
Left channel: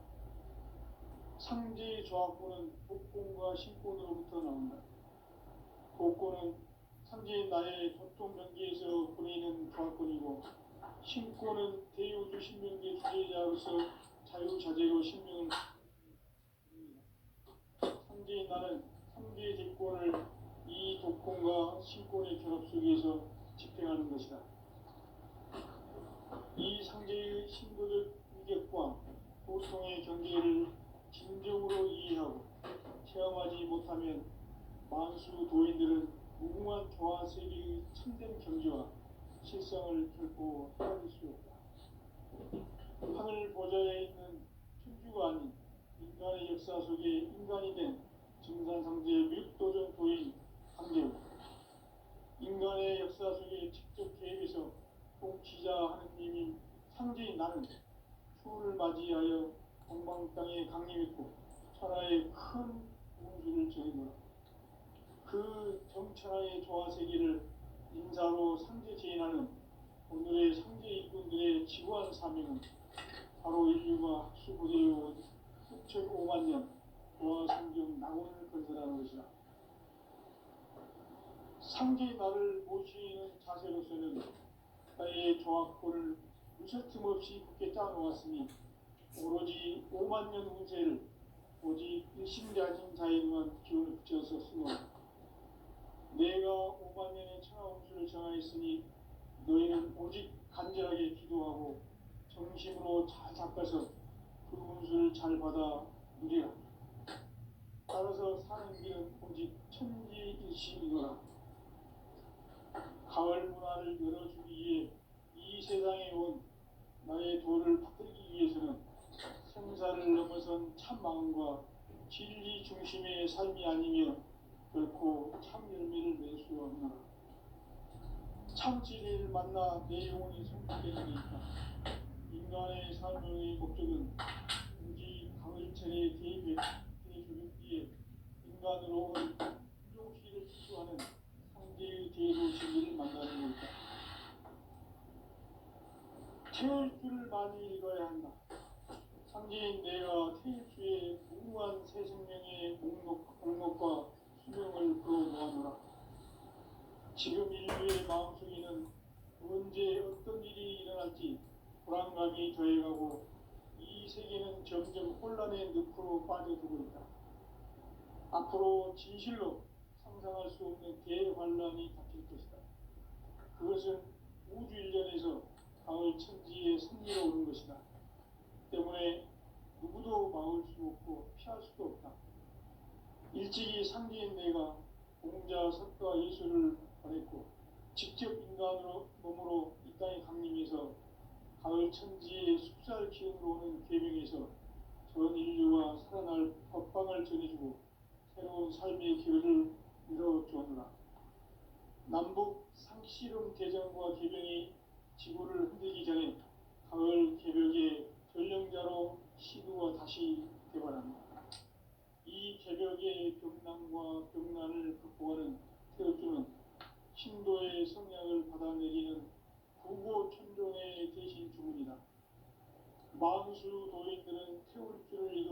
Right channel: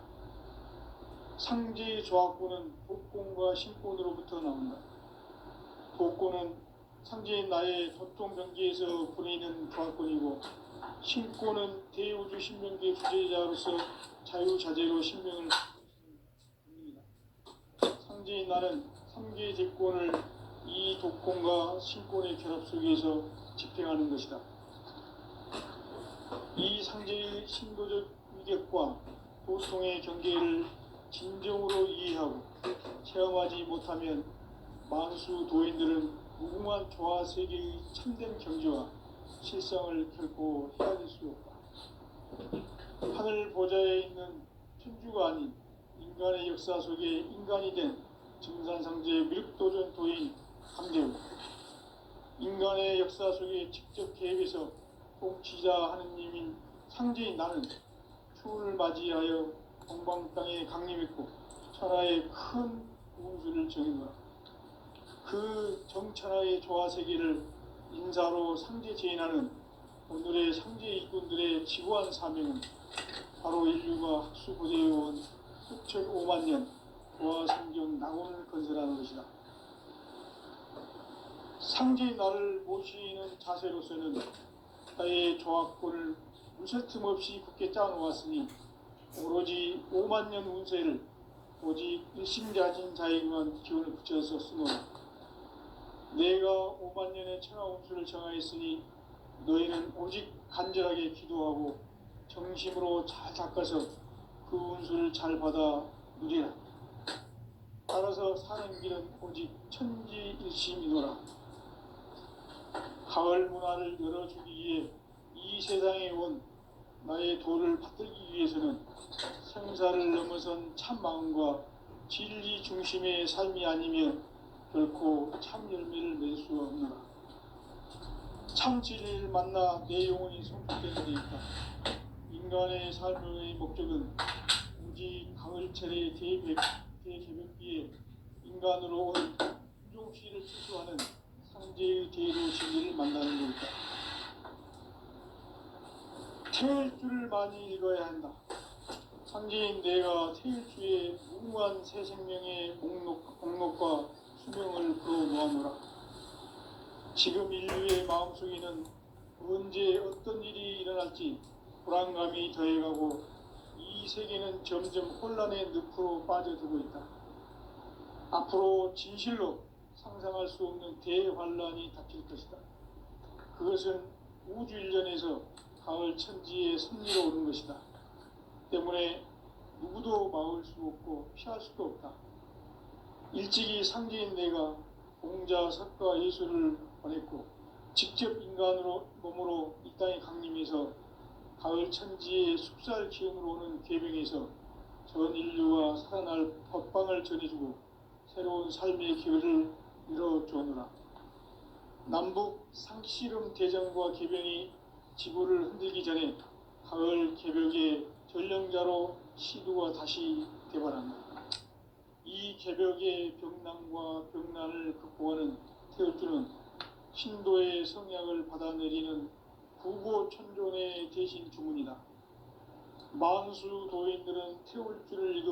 상제의 조화권은 독권과 신권으로부터 나온다. 독권은 상제인 나의 도통 경계에서 보내는 조화권이고, 신권은 대우주 신명계 주제자로서 자유자재로 신명을 받습니다. 상제인 나는 3개의 대권을 이 독권과 신권의 결합 속에서 집행하는 것이다. 이 상제의 신도적 위격과 도통의 경계를 진정으로 이해하고 체험하지 못하면 만수 도인들은 무궁한 조화 세계의 참된 경지와 실상을 결코 헤아릴 수 없다. 하늘 보좌에 있는 천주가 아닌 인간의 역사 속에 인간이 된 증산상제 밀도전 도인 강제우, 인간의 역사 속에 직접 계획해서 통치자 하느님인 상제인 나는 추운을 맞이하여 동방 땅에 강림했고 천하의 큰 우주를 정했노라. 그 정천하의 조화세계를 인사로 상제 제인하는 오늘의 상제 일꾼들의 지구한 사명은 바로 인류가 학수고대해온 후천 5만 년 조화성경 낙원을 건설하는 것이다. 상제의 나를 모시는 자세로서는 나의 조화권을 무쇠틈 없이 굳게 짜놓았으니 오로지 5만 년 운세를 오직 일심자진 자에게만 기운을 붙여서 쓰노라. 내가 5만 년의 천하 운수를 정하였으니 너희는 오직 간절하게 기도하고 정심으로 잘 닦아서 그 운수를 잘 받아 누리라. 따라서 사는 길은 오직 천지일심이노라. 가을 문화를 열어주기 위해 이 세상에 온 나의 도를 받들기 위해서는 생사를 넘어선 참 마음과 진리 중심의 삶이 아니면 결코 참 열매를 낼 수 없노라. 참 진리를 만나 내 영혼이 성숙되는 데 있다. 인간의 삶의 목적은 오직 가을철의 대개벽기에 인간으로 온 인종시를 추수하는 상제의 대로 진리를 만나는 데 있다. 태일주를 많이 읽어야 한다. 상제인 내가 태일주의 무궁한 새 생명의 목록과 수명을 그어놓아노라. 지금 인류의 마음속에는 언제 어떤 일이 일어날지 불안감이 더해가고 이 세계는 점점 혼란의 늪으로 빠져들고 있다. 앞으로 진실로 상상할 수 없는 대환란이 닥칠 것이다. 그것은 우주 일전에서 가을 천지의 섭리로 오는 것이다. 때문에 누구도 막을 수 없고 피할 수도 없다. 일찍이 상제인 내가 공자, 석가, 예수를 보냈고 직접 인간으로 몸으로 이 땅에 강림해서 가을 천지의 숲살 기운으로 오는 계명에서 전 인류가 살아날 법방을 전해주고 새로운 삶의 기회를 이뤄주느라. 남북 상씨름 대전과 개병이 지구를 흔들기 전에 가을 개벽의 전령자로 시두가 다시 대발한다. 이 개벽의 병난과 병난을 극복하는 태울주는 신도의 성약을 받아내리는 천존의 대신 주문이다. 만수 도인들은 태울 줄을